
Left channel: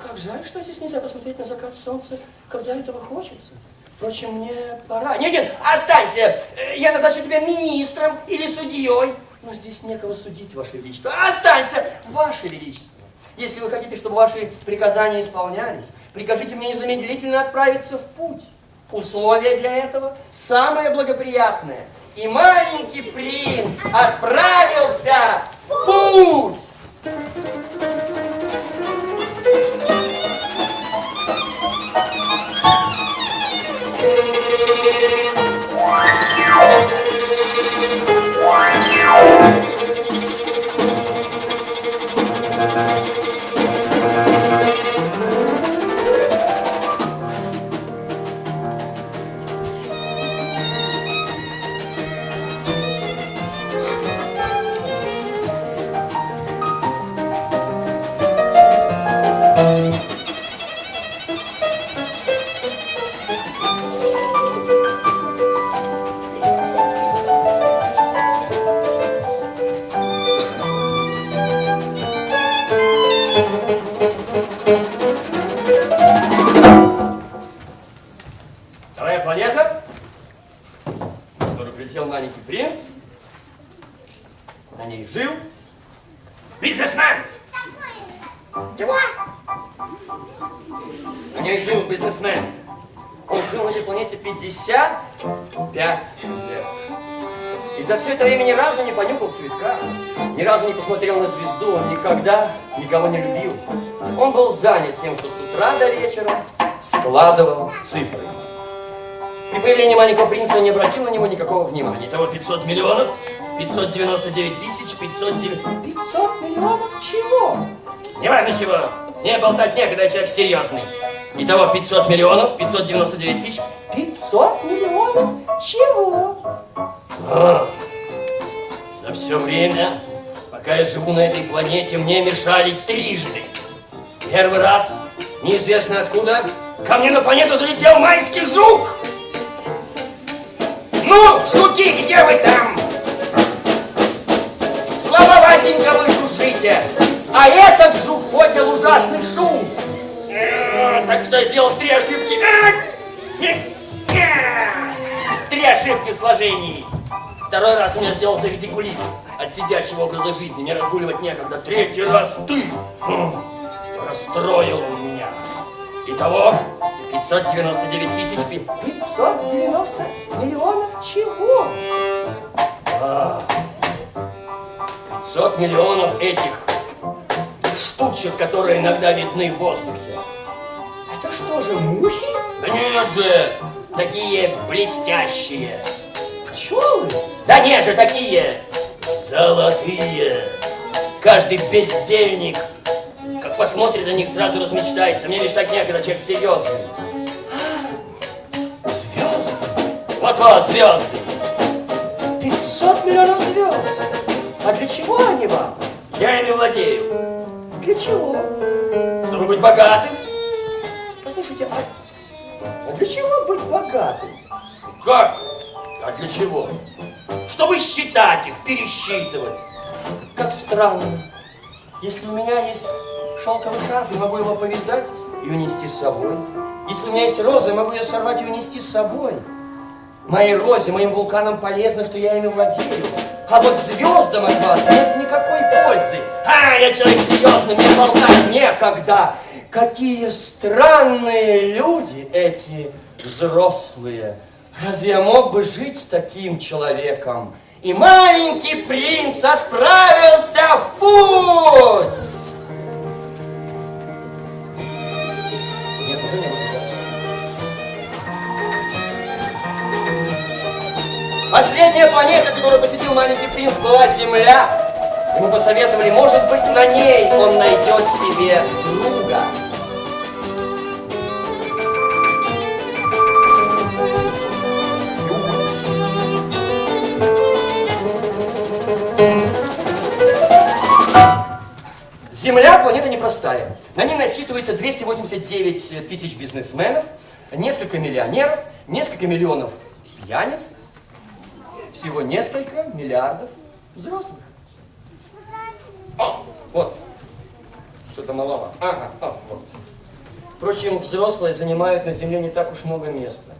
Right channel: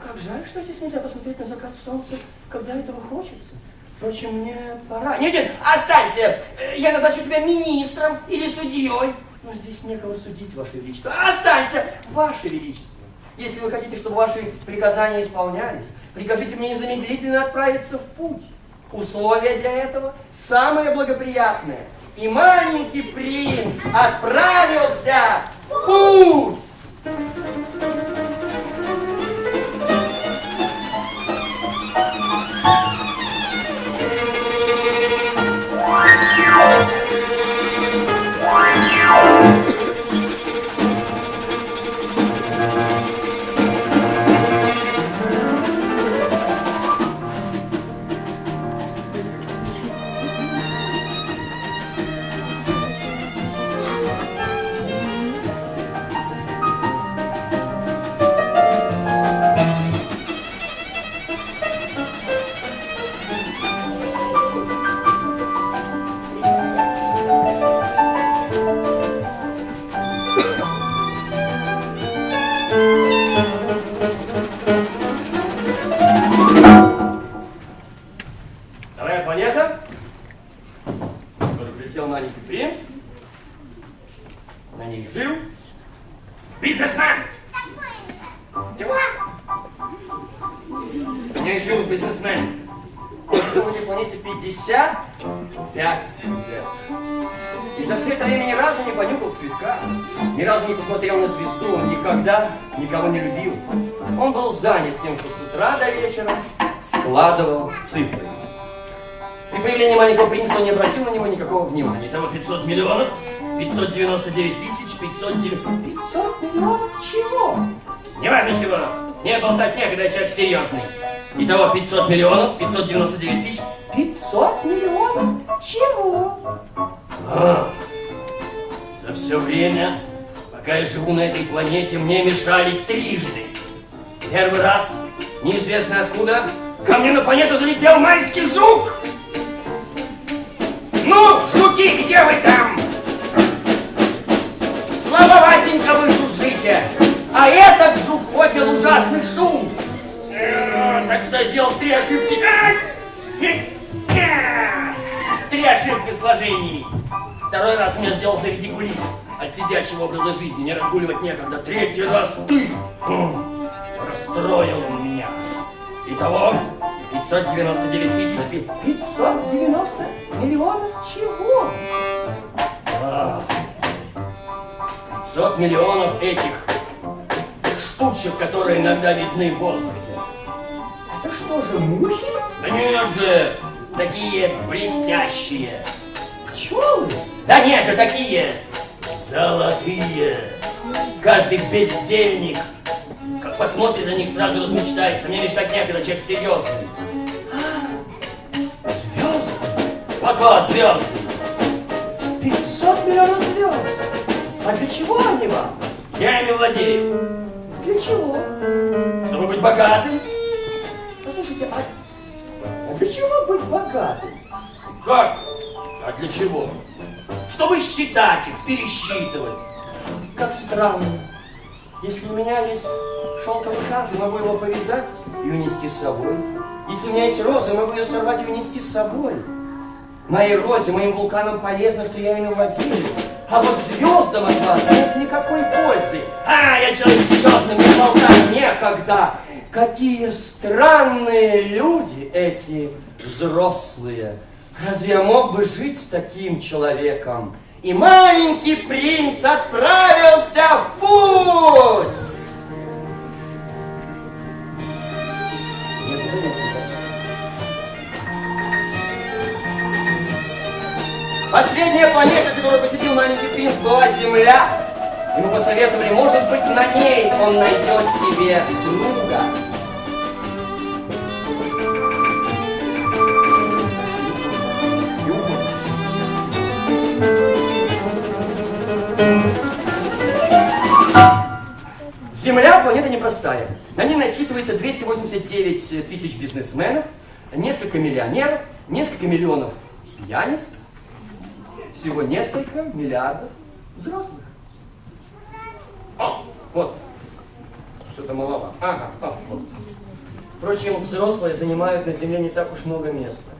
Как жаль, что здесь нельзя посмотреть на закат солнца, когда этого хочется. Впрочем, мне пора. Нет, останься. Я назначу тебя министром или судьей. Но здесь некого судить, Ваше Величество. Останься, Ваше Величество. Если вы хотите, чтобы ваши приказания исполнялись, прикажите мне незамедлительно отправиться в путь. Условия для этого самое благоприятное. И маленький принц отправился в путь. прилетел маленький принц, на ней жил бизнесмен. Чего? На ней жил бизнесмен. Он жил на этой планете 55 лет. И за все это время ни разу не понюхал цветка, ни разу не посмотрел на звезду, он никогда никого не любил. Он был занят тем, что с утра до вечера складывал цифры. При появлении маленького принца он не обратил на него никакого внимания. Итого 500 миллионов, 599 тысяч, 509... 500 миллионов чего? Неважно чего. Не болтать некогда, человек серьезный. Итого 500 миллионов, 599 тысяч... 500 миллионов чего? За все время, пока я живу на этой планете, мне мешали трижды. Первый раз, неизвестно откуда, ко мне на планету залетел майский жук. Ну, жуки, где вы там? Слабоватенько вы жужжите. А этот жук поднял ужасный шум. Так что я сделал 3 ошибки. 3 ошибки в сложении. Второй раз у меня сделался редикулит от сидячего образа жизни. Мне разгуливать некогда. 3-й раз ты. Расстроил он меня. Итого 599 тысяч... 590 миллионов чего? 500 миллионов этих штучек, которые иногда видны в воздухе. Это что же, мухи? Да нет же, такие блестящие. Пчелы? Да нет же, такие золотые. Каждый бездельник, как посмотрит на них, сразу размечтается. Мне лишь так некогда, человек серьезный. Звезды? Вот-вот, звезды. 500 миллионов звезд. А для чего они вам? Я ими владею. Для чего? Чтобы быть богатым. Послушайте, а для чего быть богатым? Как? А для чего? Чтобы считать их, пересчитывать. Как странно. Если у меня есть шелковый шарф, я могу его повязать и унести с собой. Если у меня есть роза, я могу ее сорвать и унести с собой. Моей розе, моим вулканам полезно, что я ими владею. А вот звездам от вас нет никакой пользы. Я человек серьезный, мне болтать некогда. Какие странные люди эти взрослые. Разве я мог бы жить с таким человеком? И маленький принц отправился в путь. Нет, уже не Последняя планета, которую посетил маленький принц, была Земля. Ему посоветовали, может быть, на ней он найдет себе друга. Земля планета непростая. На ней насчитывается 289 тысяч бизнесменов, несколько миллионеров, несколько миллионов пьяниц, всего несколько миллиардов взрослых. Вот. Что-то маловато. Вот. Впрочем, взрослые занимают на Земле не так уж много места.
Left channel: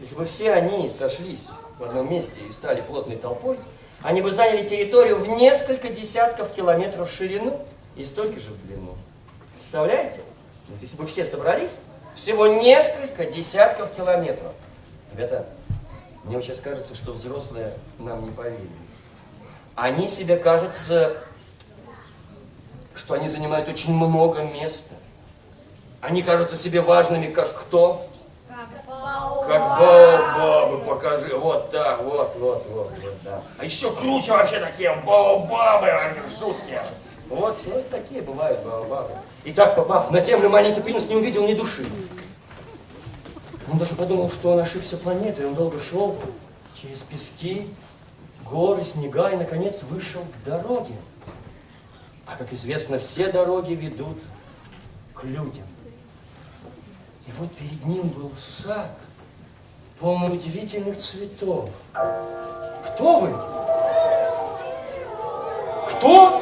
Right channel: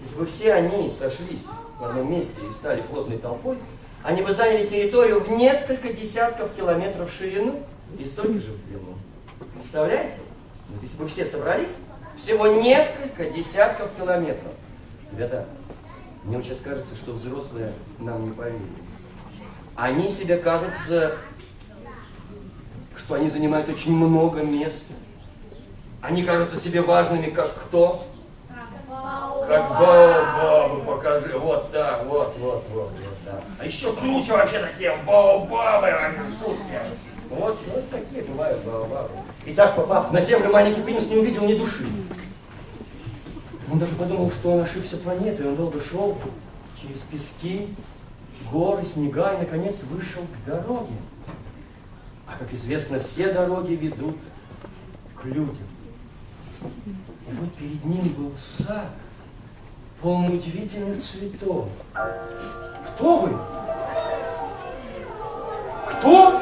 Если бы все они сошлись в одном месте и стали плотной толпой, они бы заняли территорию в несколько десятков километров в ширину и столько же в длину. Представляете? Вот если бы все собрались, всего несколько десятков километров. Ребята, мне вот сейчас кажется, что взрослые нам не поверят. Они себе кажутся, что они занимают очень много места. Они кажутся себе важными, как кто? Как баобабы, покажи. Вот так, вот, да. А еще круче вообще такие баобабы, они жуткие. Вот такие бывают баобабы. И так, попав на землю, маленький принц не увидел ни души. Он даже подумал, что он ошибся планетой. Он долго шел через пески, горы, снега и, наконец, вышел к дороге. А, как известно, все дороги ведут к людям. И вот перед ним был сад, полный удивительных цветов. Кто вы? Кто?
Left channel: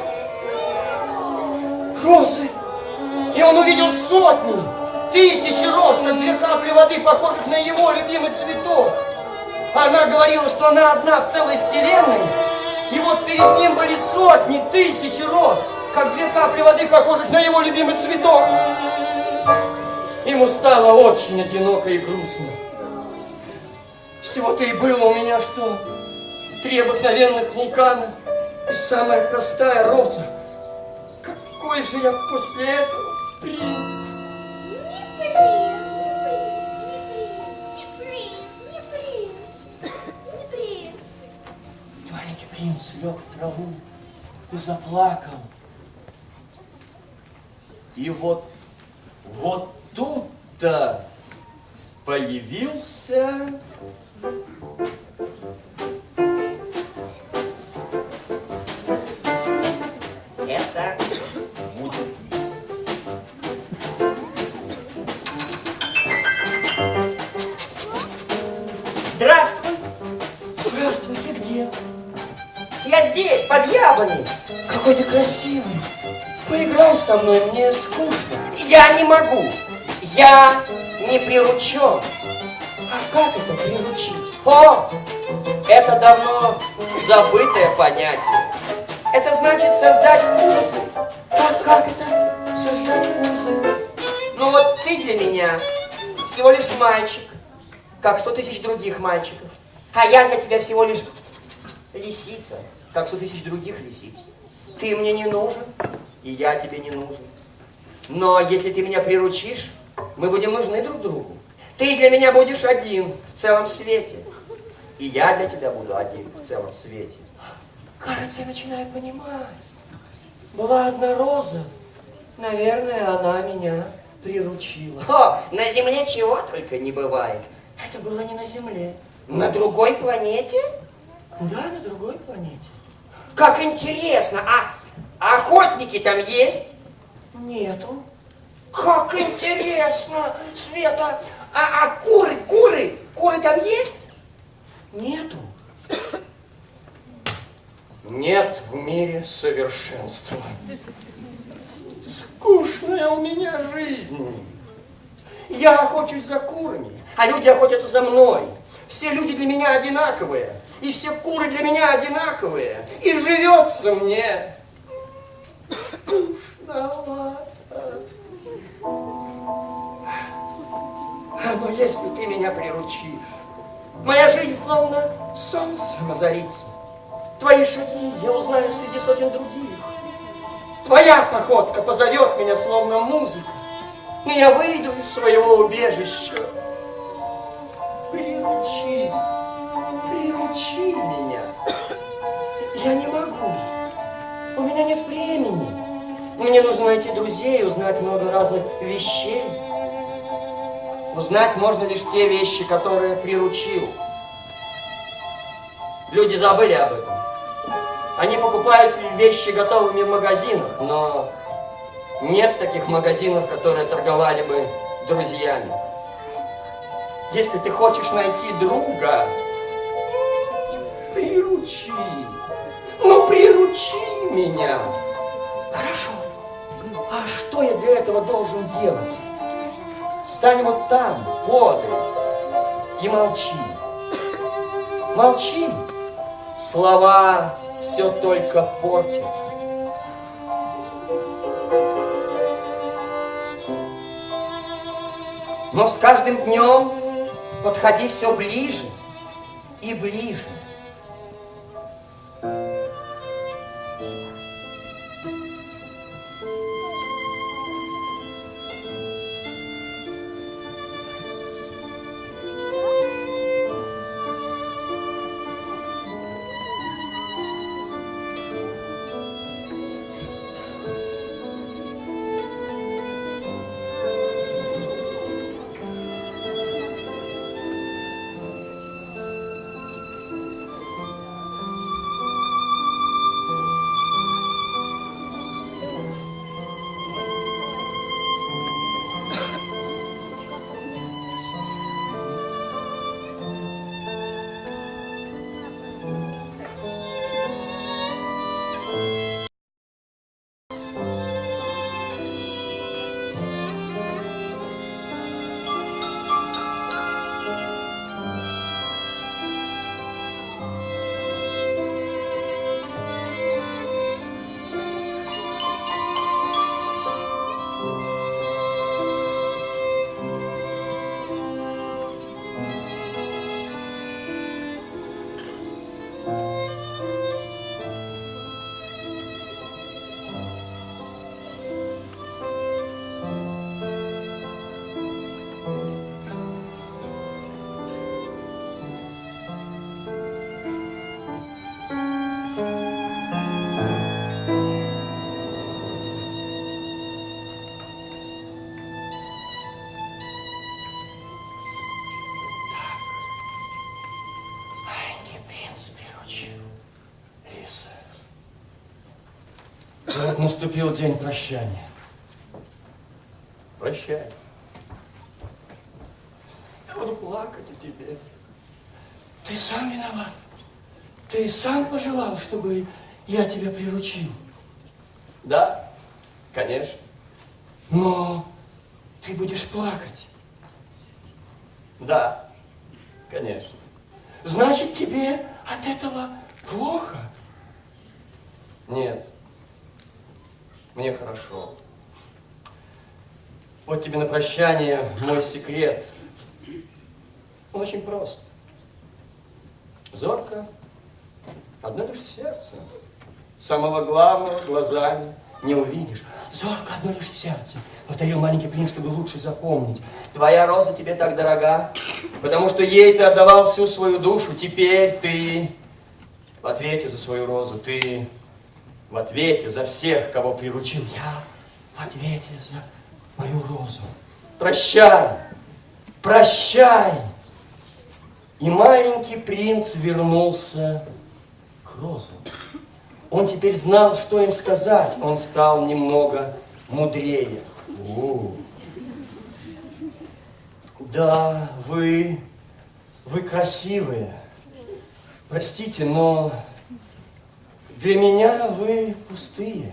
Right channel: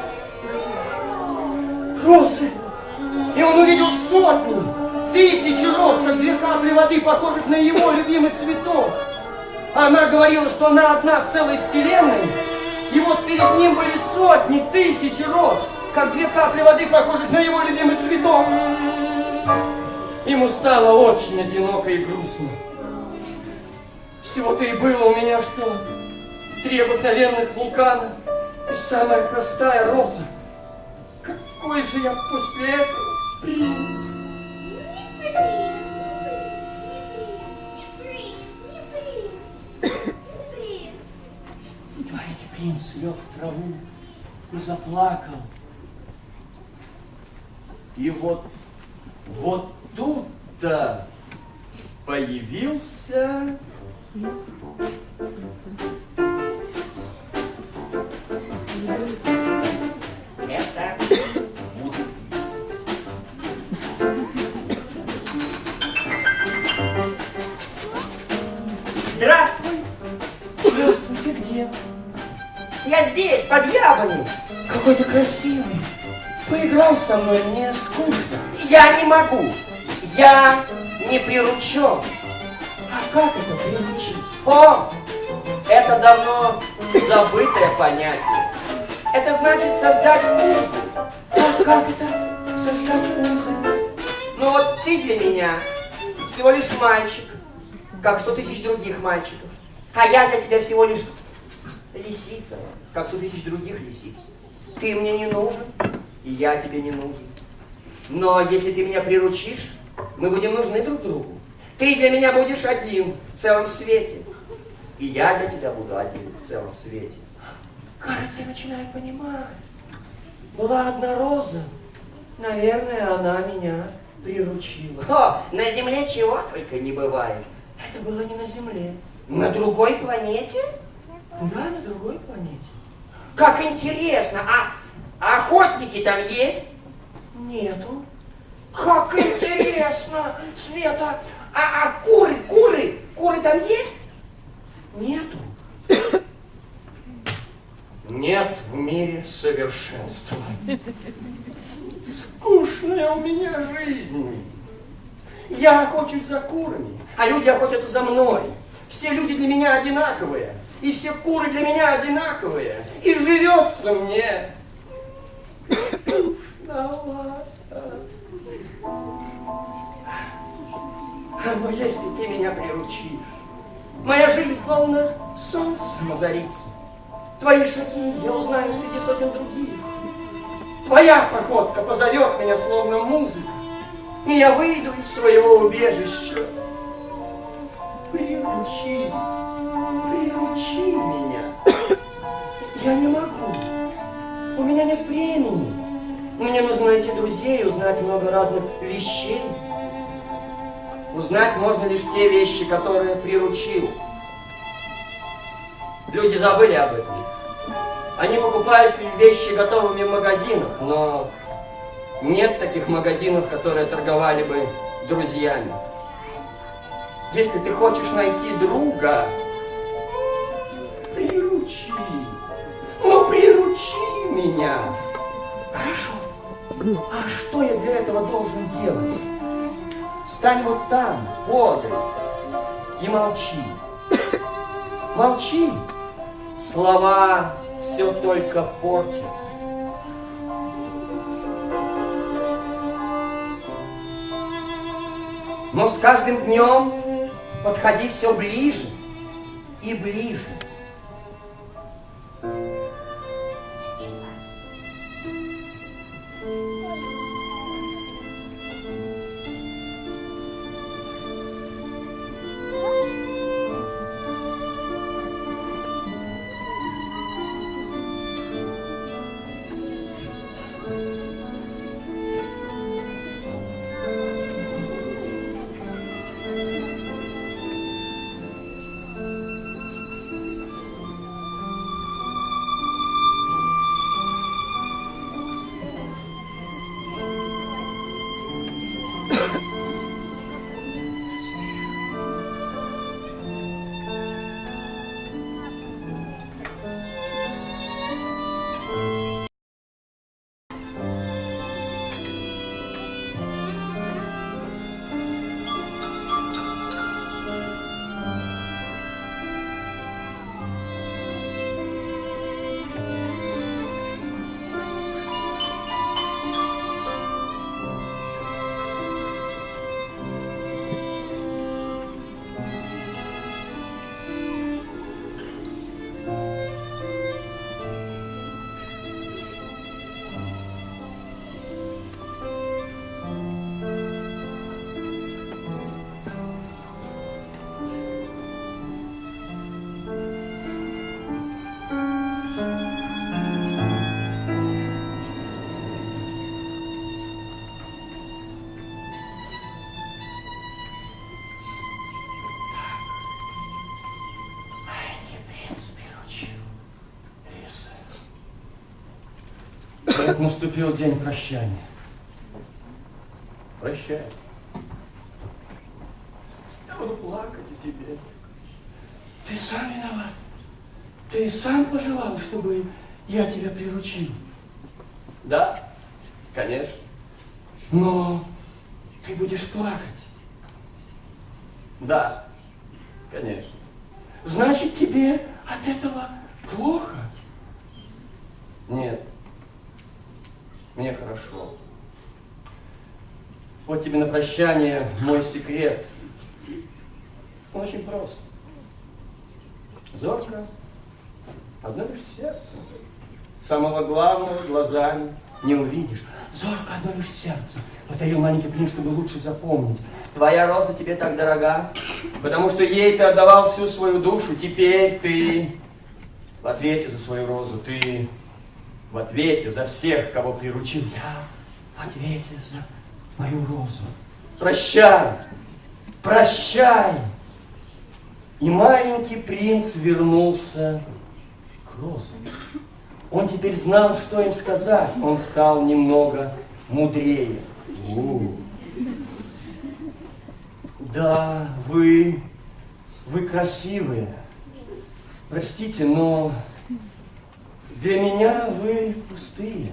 Розы! И он увидел сотни, тысячи роз, как 2 капли воды, похожих на его любимый цветок. Она говорила, что она одна в целой вселенной. И вот перед ним были сотни, тысячи роз, как две капли воды, похожих на его любимый цветок. Ему стало очень одиноко и грустно. Всего-то и было у меня что? 3 обыкновенных вулкана и самая простая роза. Какой же я после этого принц? Маленький принц лег в траву и заплакал. И вот тут-то появился это будет лис. Здравствуй. Здравствуй, ты где? Я здесь, под яблоней. Какой ты красивый. Поиграй со мной, мне скучно. Я не могу. Я не приручен. А как это приручить? О, это давно забытое понятие. Это значит создать узы. А как это создать узы? Ну вот ты для меня всего лишь мальчик, как 100 тысяч других мальчиков. А я для тебя всего лишь лисица, как 100 тысяч других лисиц. Ты мне не нужен, и я тебе не нужен. Но если ты меня приручишь, мы будем нужны друг другу. Ты для меня будешь один в целом свете. И я для тебя буду один в целом свете. Кажется, я начинаю понимать. Была одна роза. Наверное, она меня приручила. О, на Земле чего только не бывает. Это было не на Земле. На другой планете? Да, на другой планете. Как интересно. А охотники там есть? Нету. Как интересно, Света. А куры там есть? Нету. Нет в мире совершенства. Скучная у меня жизнь. Я охочусь за курами, а люди охотятся за мной. Все люди для меня одинаковые, и все куры для меня одинаковые. И живется мне скучновато. Но если ты меня приручишь, моя жизнь словно солнцем озарится. Твои шаги я узнаю среди сотен других. Твоя походка позовет меня словно музыка, и я выйду из своего убежища. Приручи меня. Я не могу. У меня нет времени. Мне нужно найти друзей, узнать много разных вещей. Узнать можно лишь те вещи, которые приручил. Люди забыли об этом. Они покупают вещи готовыми в магазинах, но нет таких магазинов, которые торговали бы друзьями. Если ты хочешь найти друга, приручи. Ну, приручи меня. Хорошо. А что я для этого должен делать? Стань вот там, подаль, и молчи. Молчи. Слова все только портят. Но с каждым днем подходи все ближе и ближе. Вот наступил день прощания. Прощай. Я буду плакать о тебе. Ты сам виноват. Ты сам пожелал, чтобы я тебя приручил. Да, конечно. Но ты будешь плакать. Да, конечно. Значит, тебе от этого плохо? Нет. Мне хорошо. Вот тебе на прощание мой секрет. Он очень прост. Зорко, одно лишь сердце. Самого главного глазами не увидишь. Зорко, одно лишь сердце. Повторил маленький принц, чтобы лучше запомнить. Твоя роза тебе так дорога, потому что ей ты отдавал всю свою душу. Теперь ты в ответе за свою розу. Ты в ответе за всех, кого приручил. Я в ответе за мою розу. Прощай, прощай. И маленький принц вернулся к розам. Он теперь знал, что им сказать. Он стал немного мудрее. Да, вы красивые. Простите, но для меня вы пустые.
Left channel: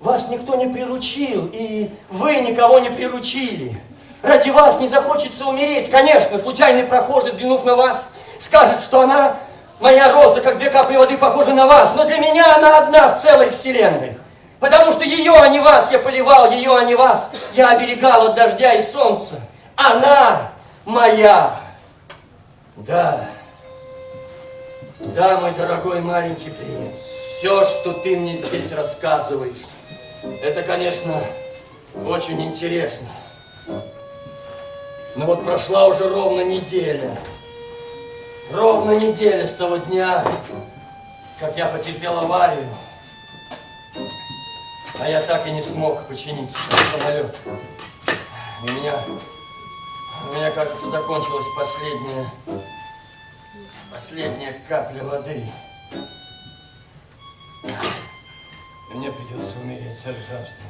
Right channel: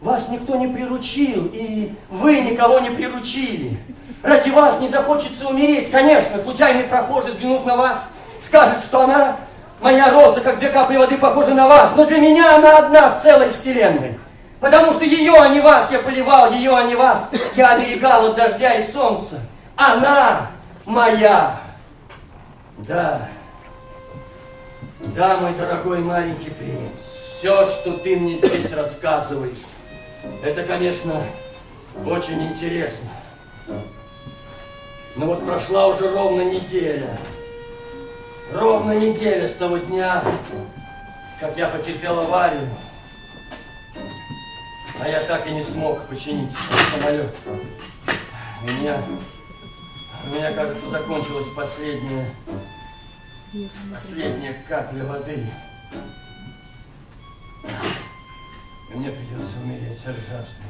Вас никто не приручил, и вы никого не приручили. Ради вас не захочется умереть. Конечно, случайный прохожий, взглянув на вас, скажет, что она, моя роза, как 2 капли воды, похожа на вас. Но для меня она одна в целой вселенной. Потому что ее, а не вас, я поливал, ее, а не вас, я оберегал от дождя и солнца. Она моя. Да. Да, мой дорогой маленький принц, все, что ты мне здесь рассказываешь, это, конечно, очень интересно. Но вот прошла уже ровно неделя. Ровно неделя с того дня, как я потерпел аварию. А я так и не смог починить самолет. У меня, кажется, закончилась последняя капля воды. И мне придется умереть от жажды.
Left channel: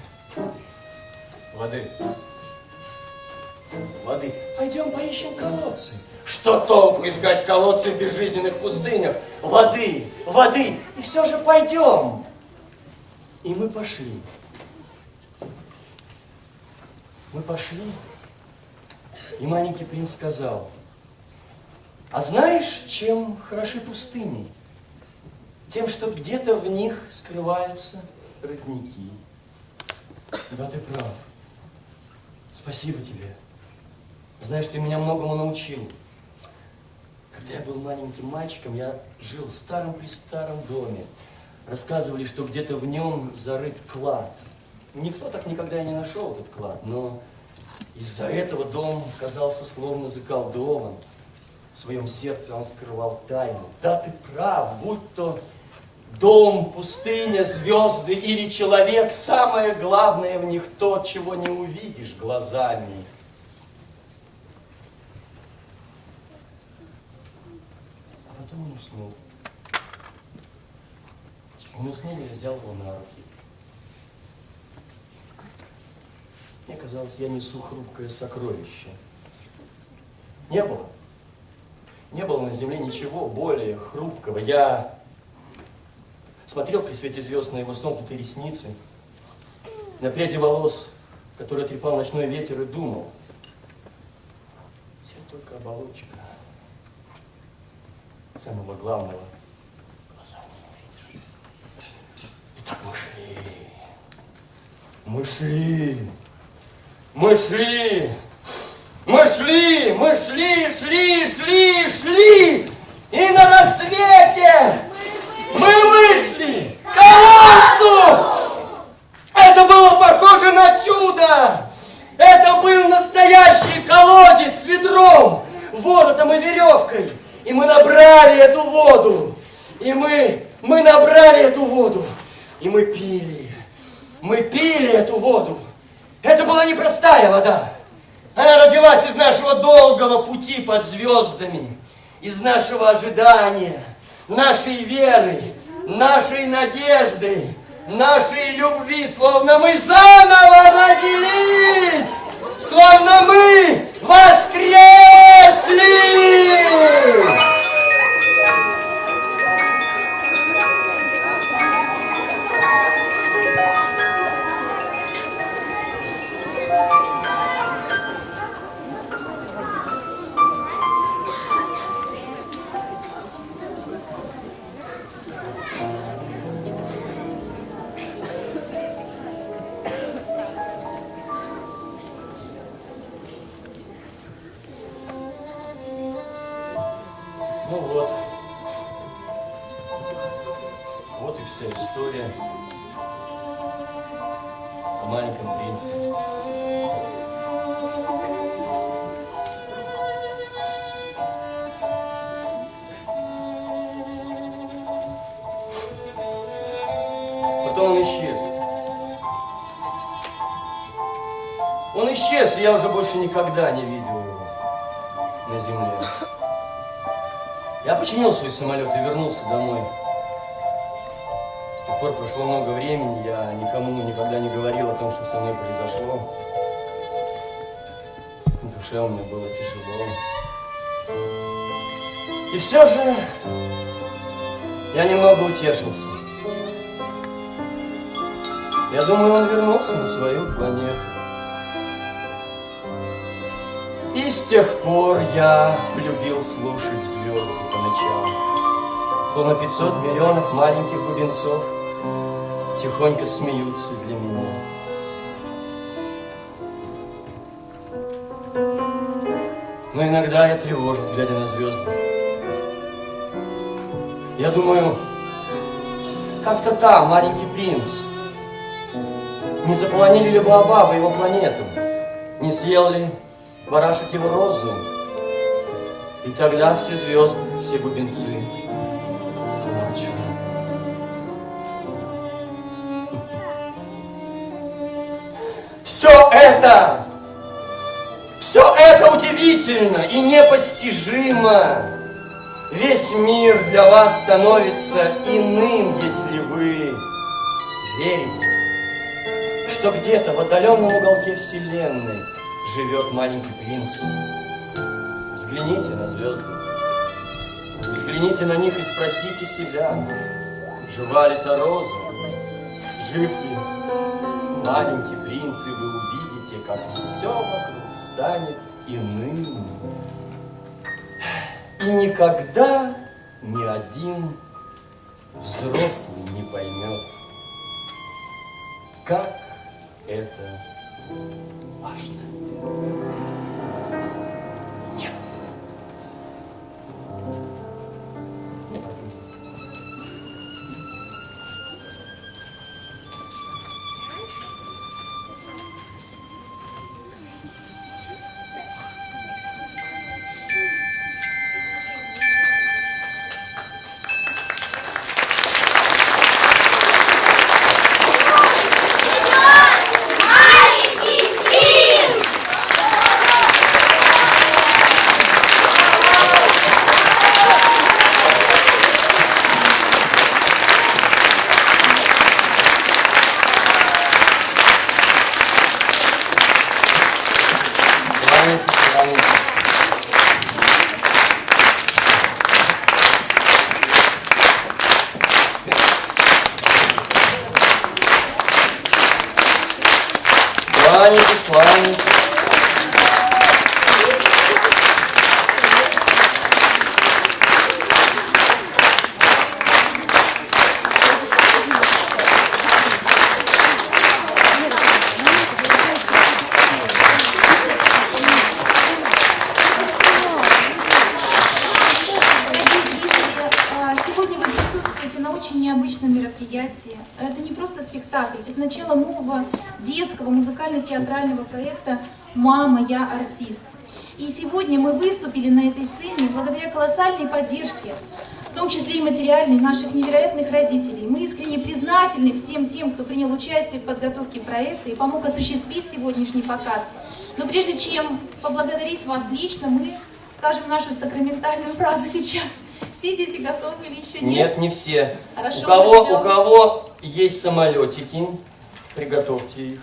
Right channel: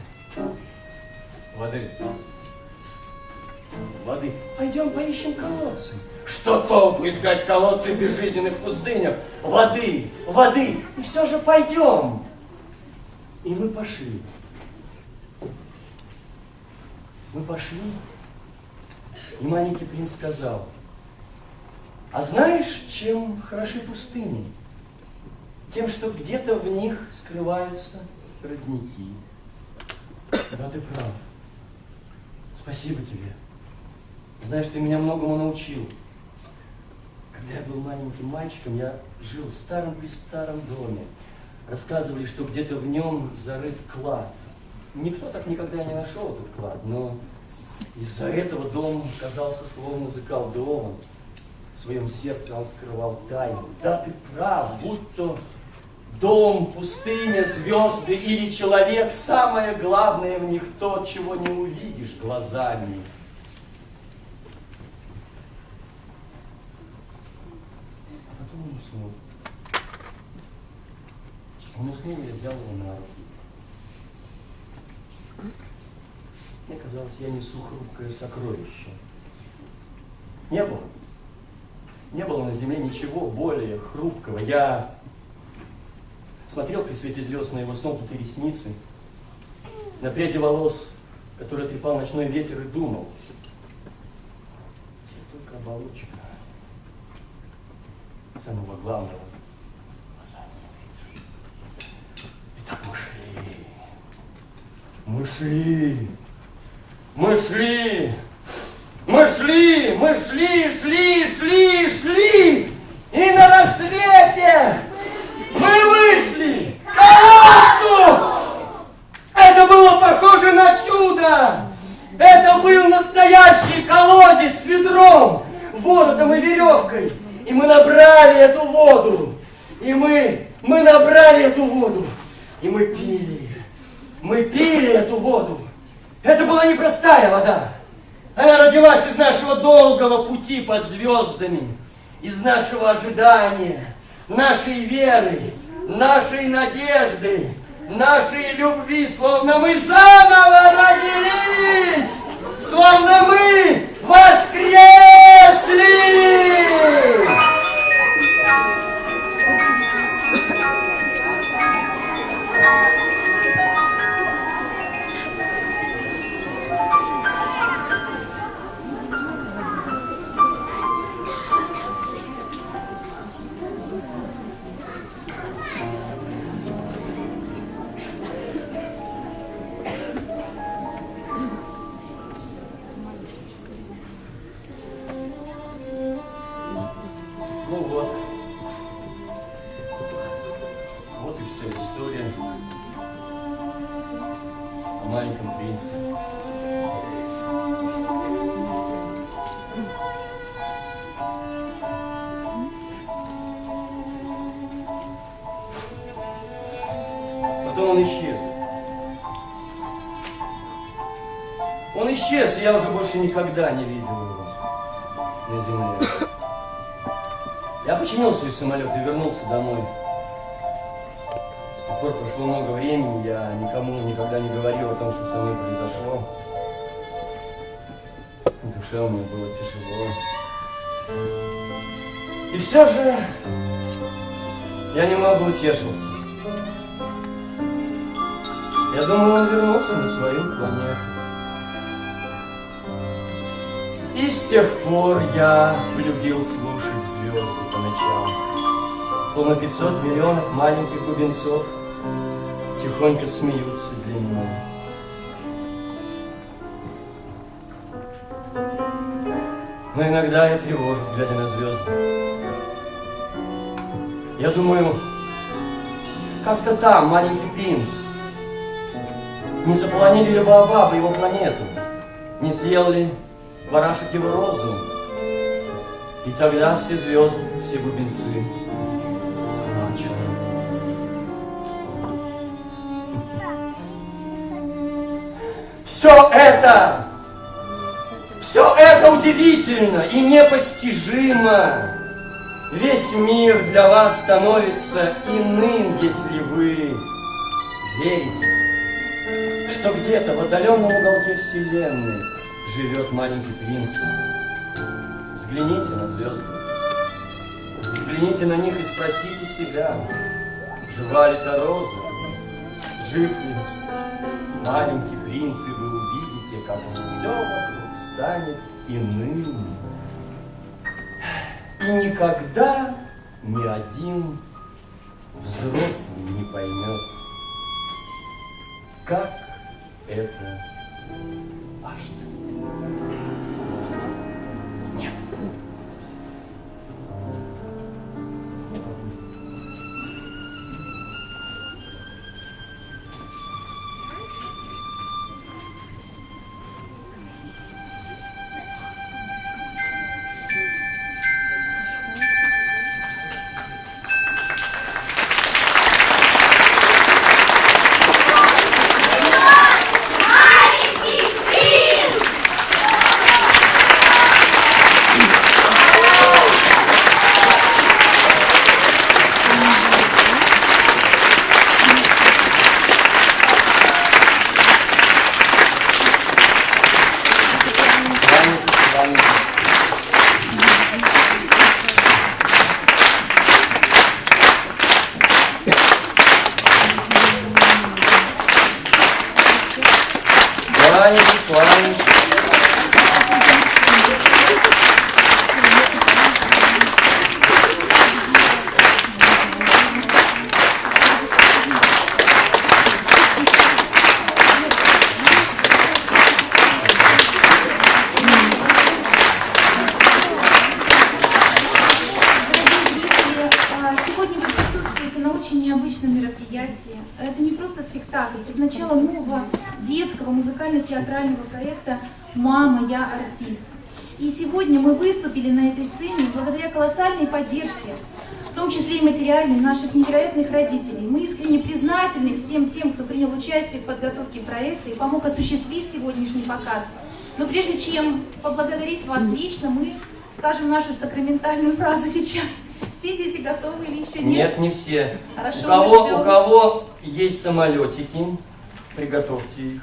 Воды. Пойдем поищем колодцы. Что толку искать колодцы в безжизненных пустынях? Воды. И все же пойдем. И мы пошли. И маленький принц сказал: а знаешь, чем хороши пустыни? Тем, что где-то в них скрываются родники. Да, ты прав. Спасибо тебе. Знаешь, ты меня многому научил. Когда я был маленьким мальчиком, я жил в старом-престаром доме. Рассказывали, что где-то в нем зарыт клад. Никто так никогда и не нашел этот клад, но из-за этого дом казался словно заколдован. В своем сердце он скрывал тайну. Да, ты прав, будь то дом, пустыня, звезды или человек, самое главное в них то, чего не увидишь глазами. А потом он уснул. Он уснул, и я взял его на руки. Мне казалось, я несу хрупкое сокровище. Не было на земле ничего более хрупкого. Я смотрел при свете звезд на его сомкнутые ресницы, на пряди волос, которые трепал ночной ветер, и думал: все только оболочка. Самого главного глазами не увидишь. Итак, шли. И на рассвете мы вышли к колодцу. Это было похоже на чудо. Это был настоящий колодец с ведром, воротом и веревкой. И мы набрали эту воду. И мы набрали эту воду. И мы пили. Мы пили эту воду. Это была непростая вода. Она родилась из нашего долгого пути под звездами, из нашего ожидания, нашей веры, нашей надежды. нашей любви, словно мы заново родились, словно мы воскресли. Ну вот. Вот и вся история о маленьком принце. Потом он исчез. Он исчез, и я уже больше никогда не видел его на земле. Я починил свой самолет и вернулся домой. С тех пор прошло много времени, я никому никогда не говорил о том, что со мной произошло. В душе у меня было тяжело. И все же я немного утешился. Я думаю, он вернулся на свою планету. И с тех пор я полюбил слушать звезды по ночам. Словно 500 миллионов маленьких бубенцов тихонько смеются для меня. Но иногда я тревожусь, глядя на звезды. Я думаю, как-то там маленький принц. Не заполонили ли Баобабы его планету? Не съел ли барашек его розу? И тогда все звезды, все бубенцы плачут. Все это удивительно и непостижимо. Весь мир для вас становится иным, если вы верите, что где-то в отдаленном уголке Вселенной живет маленький принц. Взгляните на звезды, взгляните на них и спросите себя, жива ли та роза, жив ли маленький принц, и вы увидите, как все вокруг станет иным. И никогда ни один взрослый не поймет, как это важно. Нет. Это не просто спектакль, это начало нового детского музыкально-театрального проекта «Мама, я артист». И сегодня мы выступили на этой сцене благодаря колоссальной поддержке, в том числе и материальной, наших невероятных родителей. Мы искренне признательны всем тем, кто принял участие в подготовке проекта и помог осуществить сегодняшний показ. Но прежде чем поблагодарить вас лично, мы скажем нашу сакраментальную фразу сейчас. Все дети готовы или еще нет? Нет, не все. Хорошо, У кого есть самолетики. Приготовьте их.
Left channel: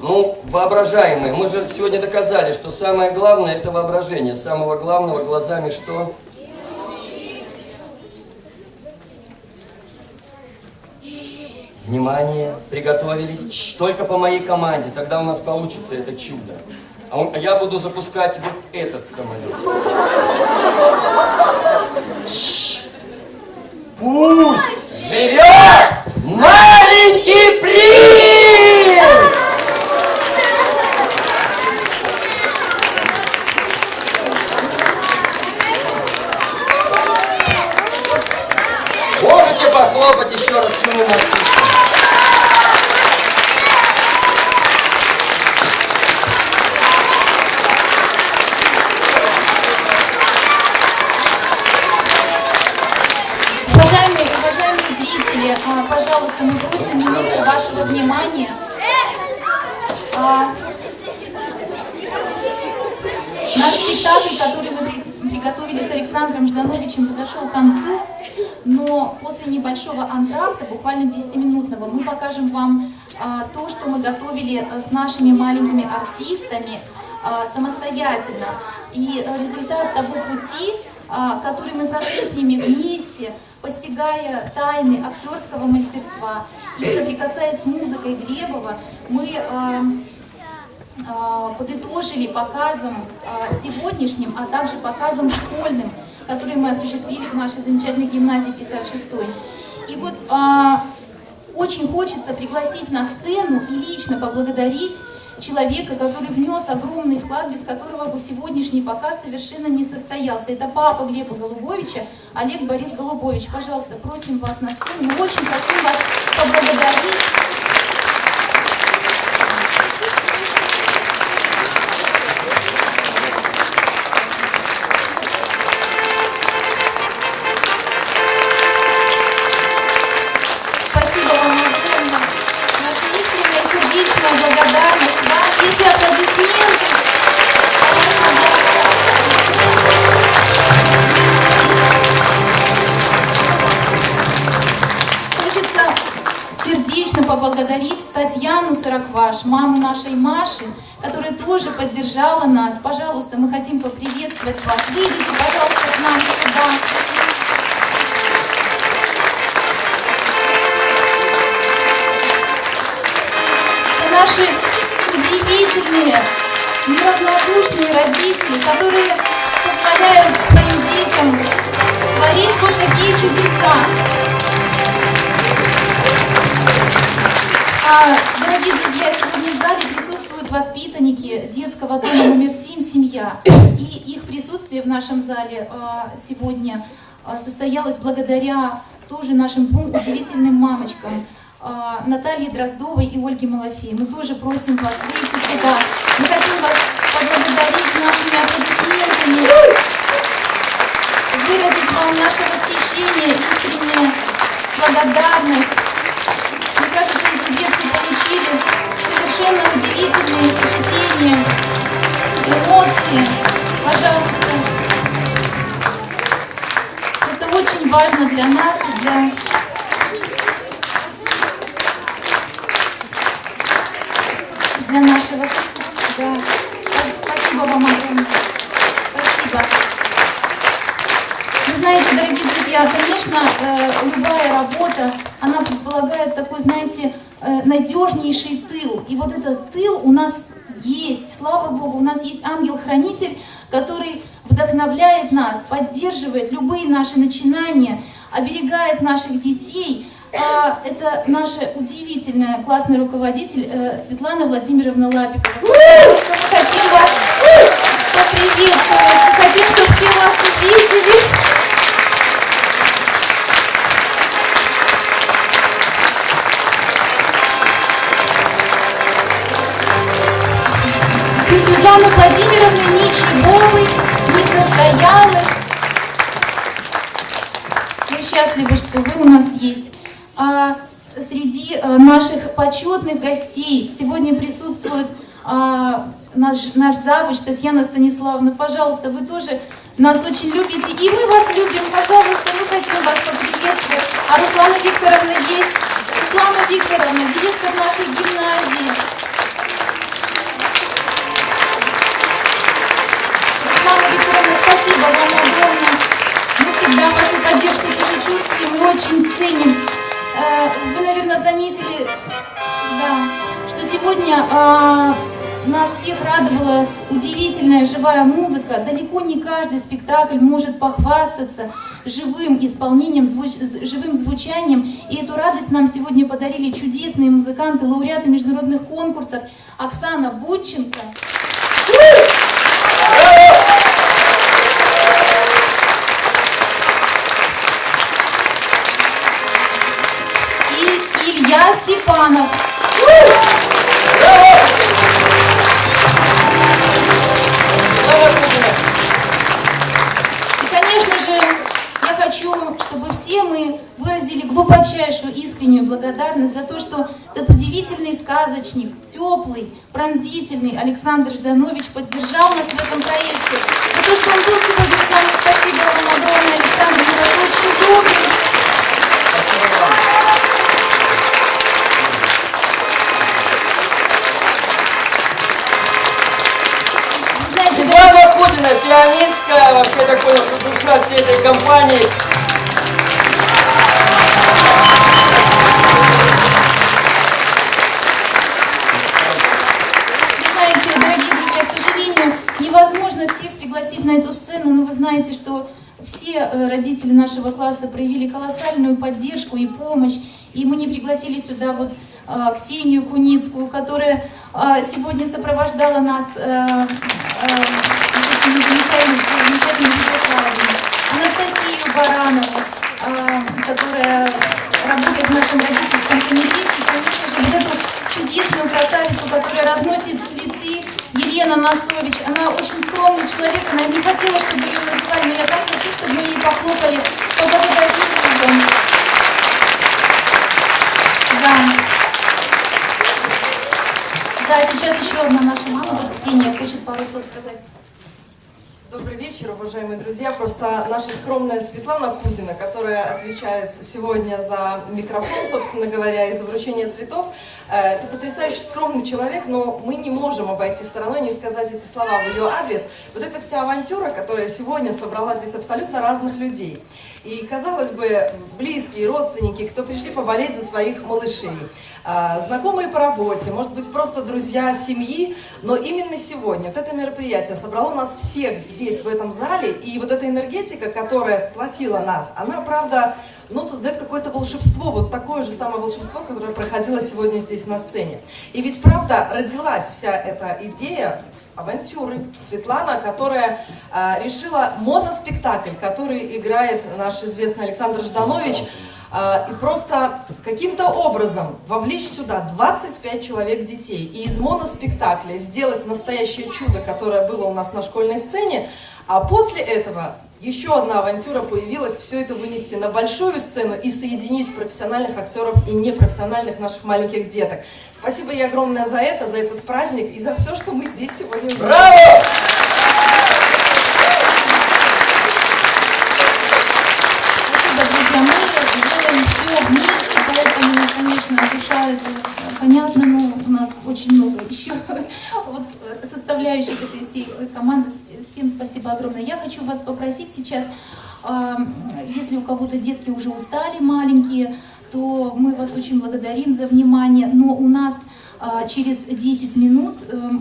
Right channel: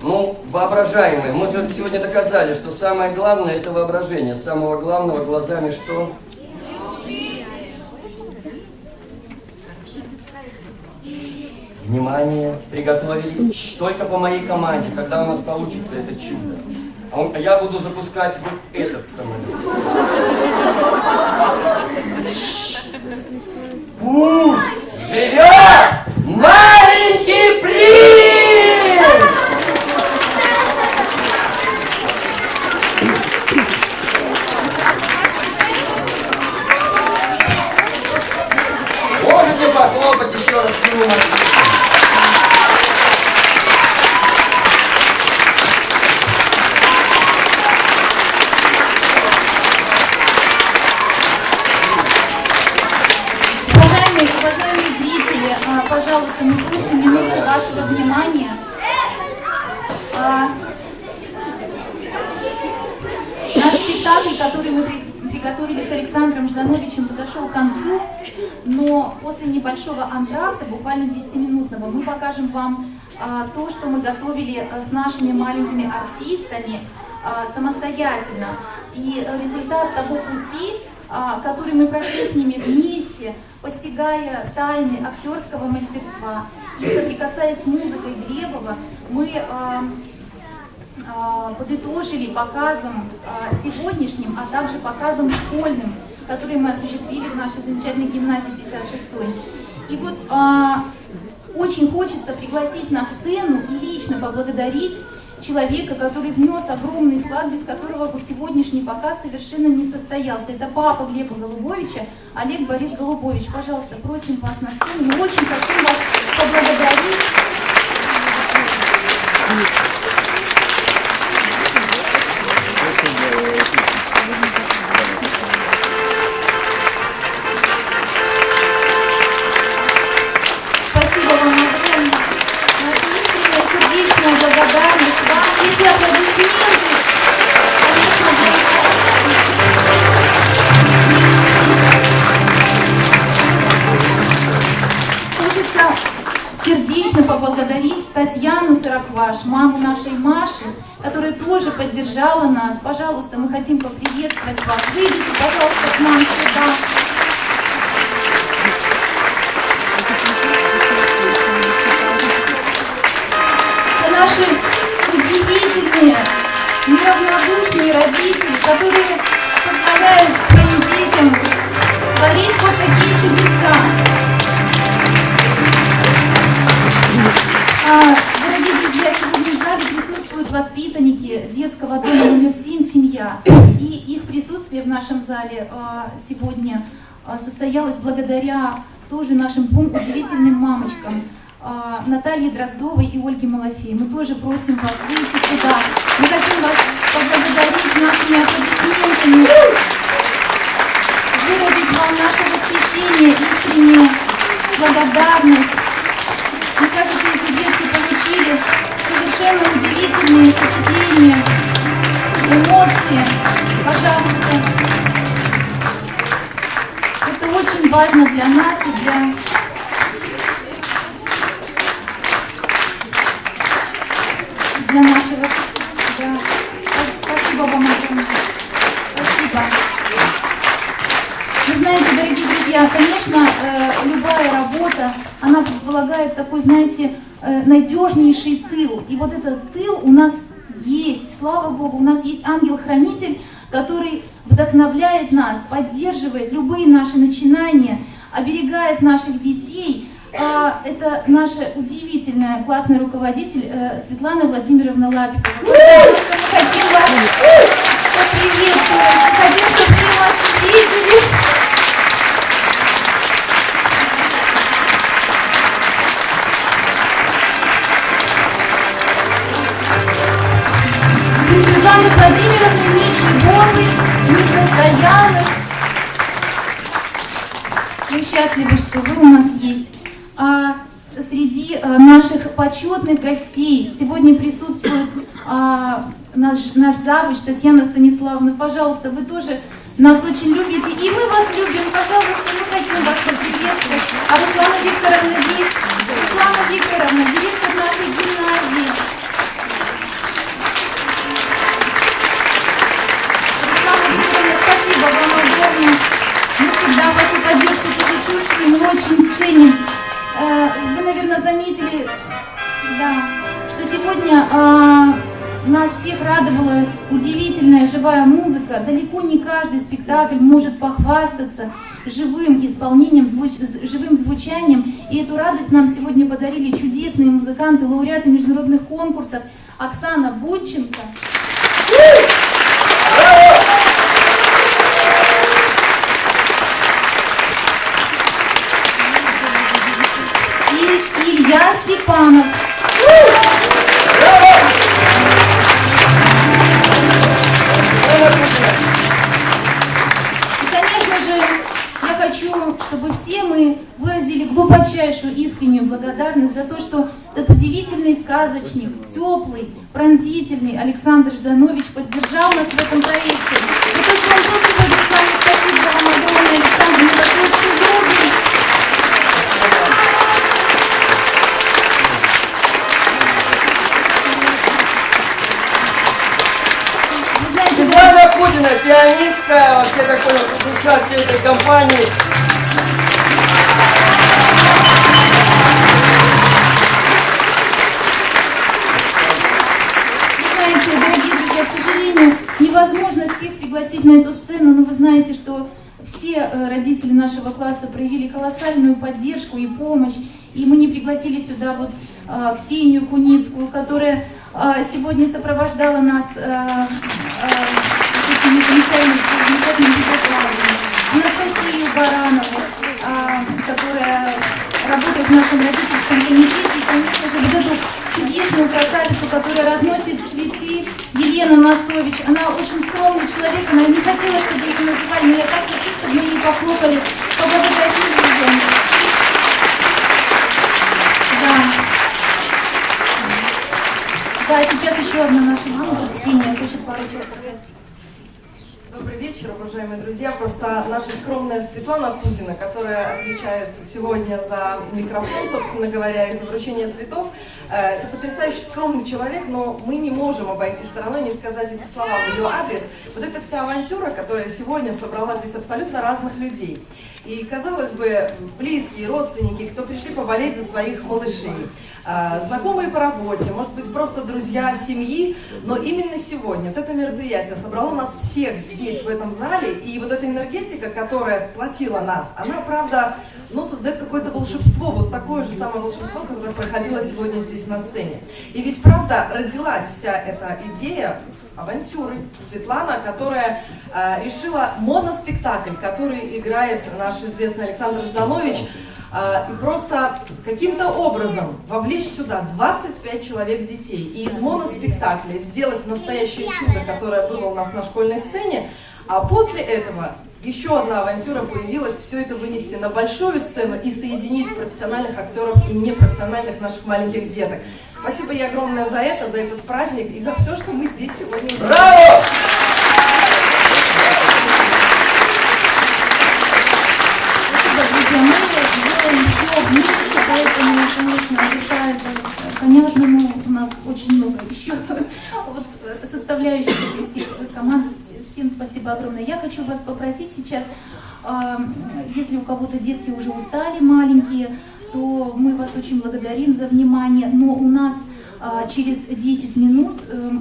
Ну, воображаемые. Мы же сегодня доказали, что самое главное – это воображение. Самого главного глазами что? Внимание, приготовились. Только по моей команде, тогда у нас получится это чудо. А я буду запускать вот этот самолет. Пусть живет маленький принц! Можете похлопать еще раз ему? Уважаемые зрители, пожалуйста, мы просим минуту вашего внимания. Наш спектакль, который мы приготовили с Александром Ждановичем, подошел к концу, но после небольшого антракта, буквально 10-минутного, мы покажем вам то, что мы готовили с нашими маленькими артистами самостоятельно. И результат того пути, который мы прошли с ними вместе, постигая тайны актерского мастерства и соприкасаясь с музыкой Глебова, мы подытожили показом сегодняшним, а также показом школьным, который мы осуществили в нашей замечательной гимназии 56-й. И вот очень хочется пригласить на сцену и лично поблагодарить человека, который внес огромный вклад, без которого бы сегодняшний показ совершенно не состоялся. Это папа Глеба Голубовича, Олег Борис Голубович. Пожалуйста, просим вас на сцену. Мы очень хотим вас поблагодарить. Спасибо вам огромное. Наша искренняя сердечная благодарность вам. Эти аплодисменты. Хочется сердечно поблагодарить Татьяну Сорокваш, маму нашей Маши, которая тоже поддержала нас. Пожалуйста, мы хотим поприветствовать вас. Выйдите, пожалуйста, к нам сюда. Это наши удивительные, неравнодушные родители, которые позволяют своим детям творить вот такие чудеса. Дорогие друзья, сегодня в зале присутствуют воспитанники детского дома номер 7 «Семья». И их присутствие в нашем зале сегодня состоялось благодаря тоже нашим двум удивительным мамочкам, Наталье Дроздовой и Ольге Малафей. Мы тоже просим вас выйти сюда. Мы хотим вас поблагодарить нашими аплодисментами, выразить вам наше восхищение, искреннюю благодарность. Мне кажется, эти детки получили совершенно удивительные впечатления, эмоции. Пожалуйста. Это очень важно для нас и для нашего. Да. Спасибо вам огромное. Спасибо. Вы знаете, дорогие друзья, конечно, любая работа, она предполагает такой, знаете, надежнейший тыл. И вот этот тыл у нас есть, слава Богу, у нас есть ангел-хранитель, который вдохновляет нас, поддерживает любые наши начинания, оберегает наших детей. Это наша удивительная классный руководитель Светлана Владимировна Лапикова. Мы хотим вас поприветствовать, хотим, чтобы все вас увидели. И Светлана Владимировна ничего не состоялась. Мы счастливы, что вы у нас есть. А среди наших почетных гостей сегодня присутствует наш завуч Татьяна Станиславовна. Пожалуйста, вы тоже нас очень любите, и мы вас любим. Пожалуйста, мы хотим вас поприветствовать. А Руслана Викторовна есть. Руслана Викторовна, директор нашей гимназии. Руслана Викторовна, спасибо вам огромное. Мы всегда вашу поддержку тоже чувствуем и очень ценим. Вы, наверное, заметили, да, что сегодня нас всех радовала удивительная живая музыка. Далеко не каждый спектакль может похвастаться живым исполнением, живым звучанием. И эту радость нам сегодня подарили чудесные музыканты, лауреаты международных конкурсов Оксана Бодченко. И Илья Степанов. Чтобы все мы выразили глубочайшую искреннюю благодарность за то, что этот удивительный сказочник, теплый, пронзительный Александр Жданович поддержал нас в этом проекте. За то, что он был сегодня с нами. Спасибо вам огромное, Александр, мы вас очень любим. Светлана Кудина, пианистка, вообще так понял, что душа всей этой компании. Невозможно всех пригласить на эту сцену, но вы знаете, что все родители нашего класса проявили колоссальную поддержку и помощь. И мы не пригласили сюда вот Ксению Куницкую, которая сегодня сопровождала нас этими замечательными Вячеславами, Анастасию Баранову, которая работает в нашем родительском комитете, и, конечно же, вот эту чудесную красавицу, которая разносит цветы, Елена Носович. Она очень скромный человек, она не хотела, чтобы ее называли, но я так хочу, чтобы мы ей похлопали, поблагодарили ее. Да, сейчас еще одна наша мама, вот Ксения, хочет пару слов сказать. Добрый вечер, уважаемые друзья. Просто наша скромная Светлана Кудина, которая отвечает сегодня за микрофон, собственно говоря, и за вручение цветов, это потрясающе скромный человек, но мы не можем обойти стороной, не сказать эти слова в ее адрес. Вот эта вся авантюра, которая сегодня собрала здесь абсолютно разных людей. И, казалось бы, близкие, родственники, кто пришли поболеть за своих малышей, знакомые по работе, может быть, просто друзья семьи, но именно сегодня вот это мероприятие собрало нас всех здесь, в этом зале, и вот эта энергетика, которая сплотила нас, она, правда, создает какое-то волшебство, вот такое же самое волшебство, которое проходило сегодня здесь на сцене. И ведь, правда, родилась вся эта идея с авантюрой. Светлана, которая решила моноспектакль, который играет наш известный Александр Жданович, и просто каким-то образом вовлечь сюда 25 человек детей и из моноспектакля сделать настоящее чудо, которое было у нас на школьной сцене, а после этого еще одна авантюра появилась, все это вынести на большую сцену и соединить профессиональных актеров и непрофессиональных наших маленьких деток. Спасибо ей огромное за это, за этот праздник и за все, что мы здесь сегодня увидели. Браво! Спасибо, друзья. Мы делаем все вместе, поэтому, конечно, душа это понятно, но у нас очень много еще вот составляющих этой всей команды. Всем спасибо огромное. Я хочу вас попросить сейчас, если у кого-то детки уже устали маленькие, то мы вас очень благодарим за внимание, но у нас через 10 минут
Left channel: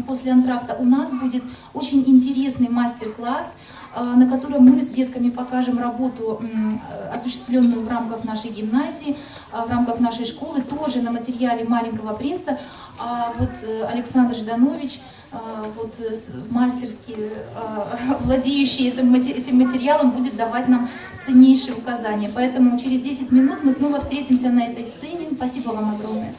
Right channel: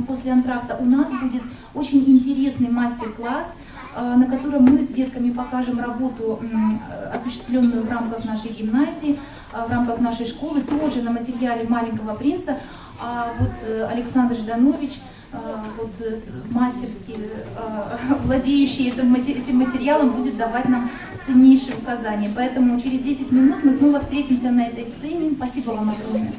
после антракта у нас будет очень интересный мастер-класс, на котором мы с детками покажем работу, осуществленную в рамках нашей гимназии, в рамках нашей школы, тоже на материале «Маленького принца». А вот Александр Жданович, вот мастерски владеющий этим материалом, будет давать нам ценнейшие указания. Поэтому через 10 минут мы снова встретимся на этой сцене. Спасибо вам огромное.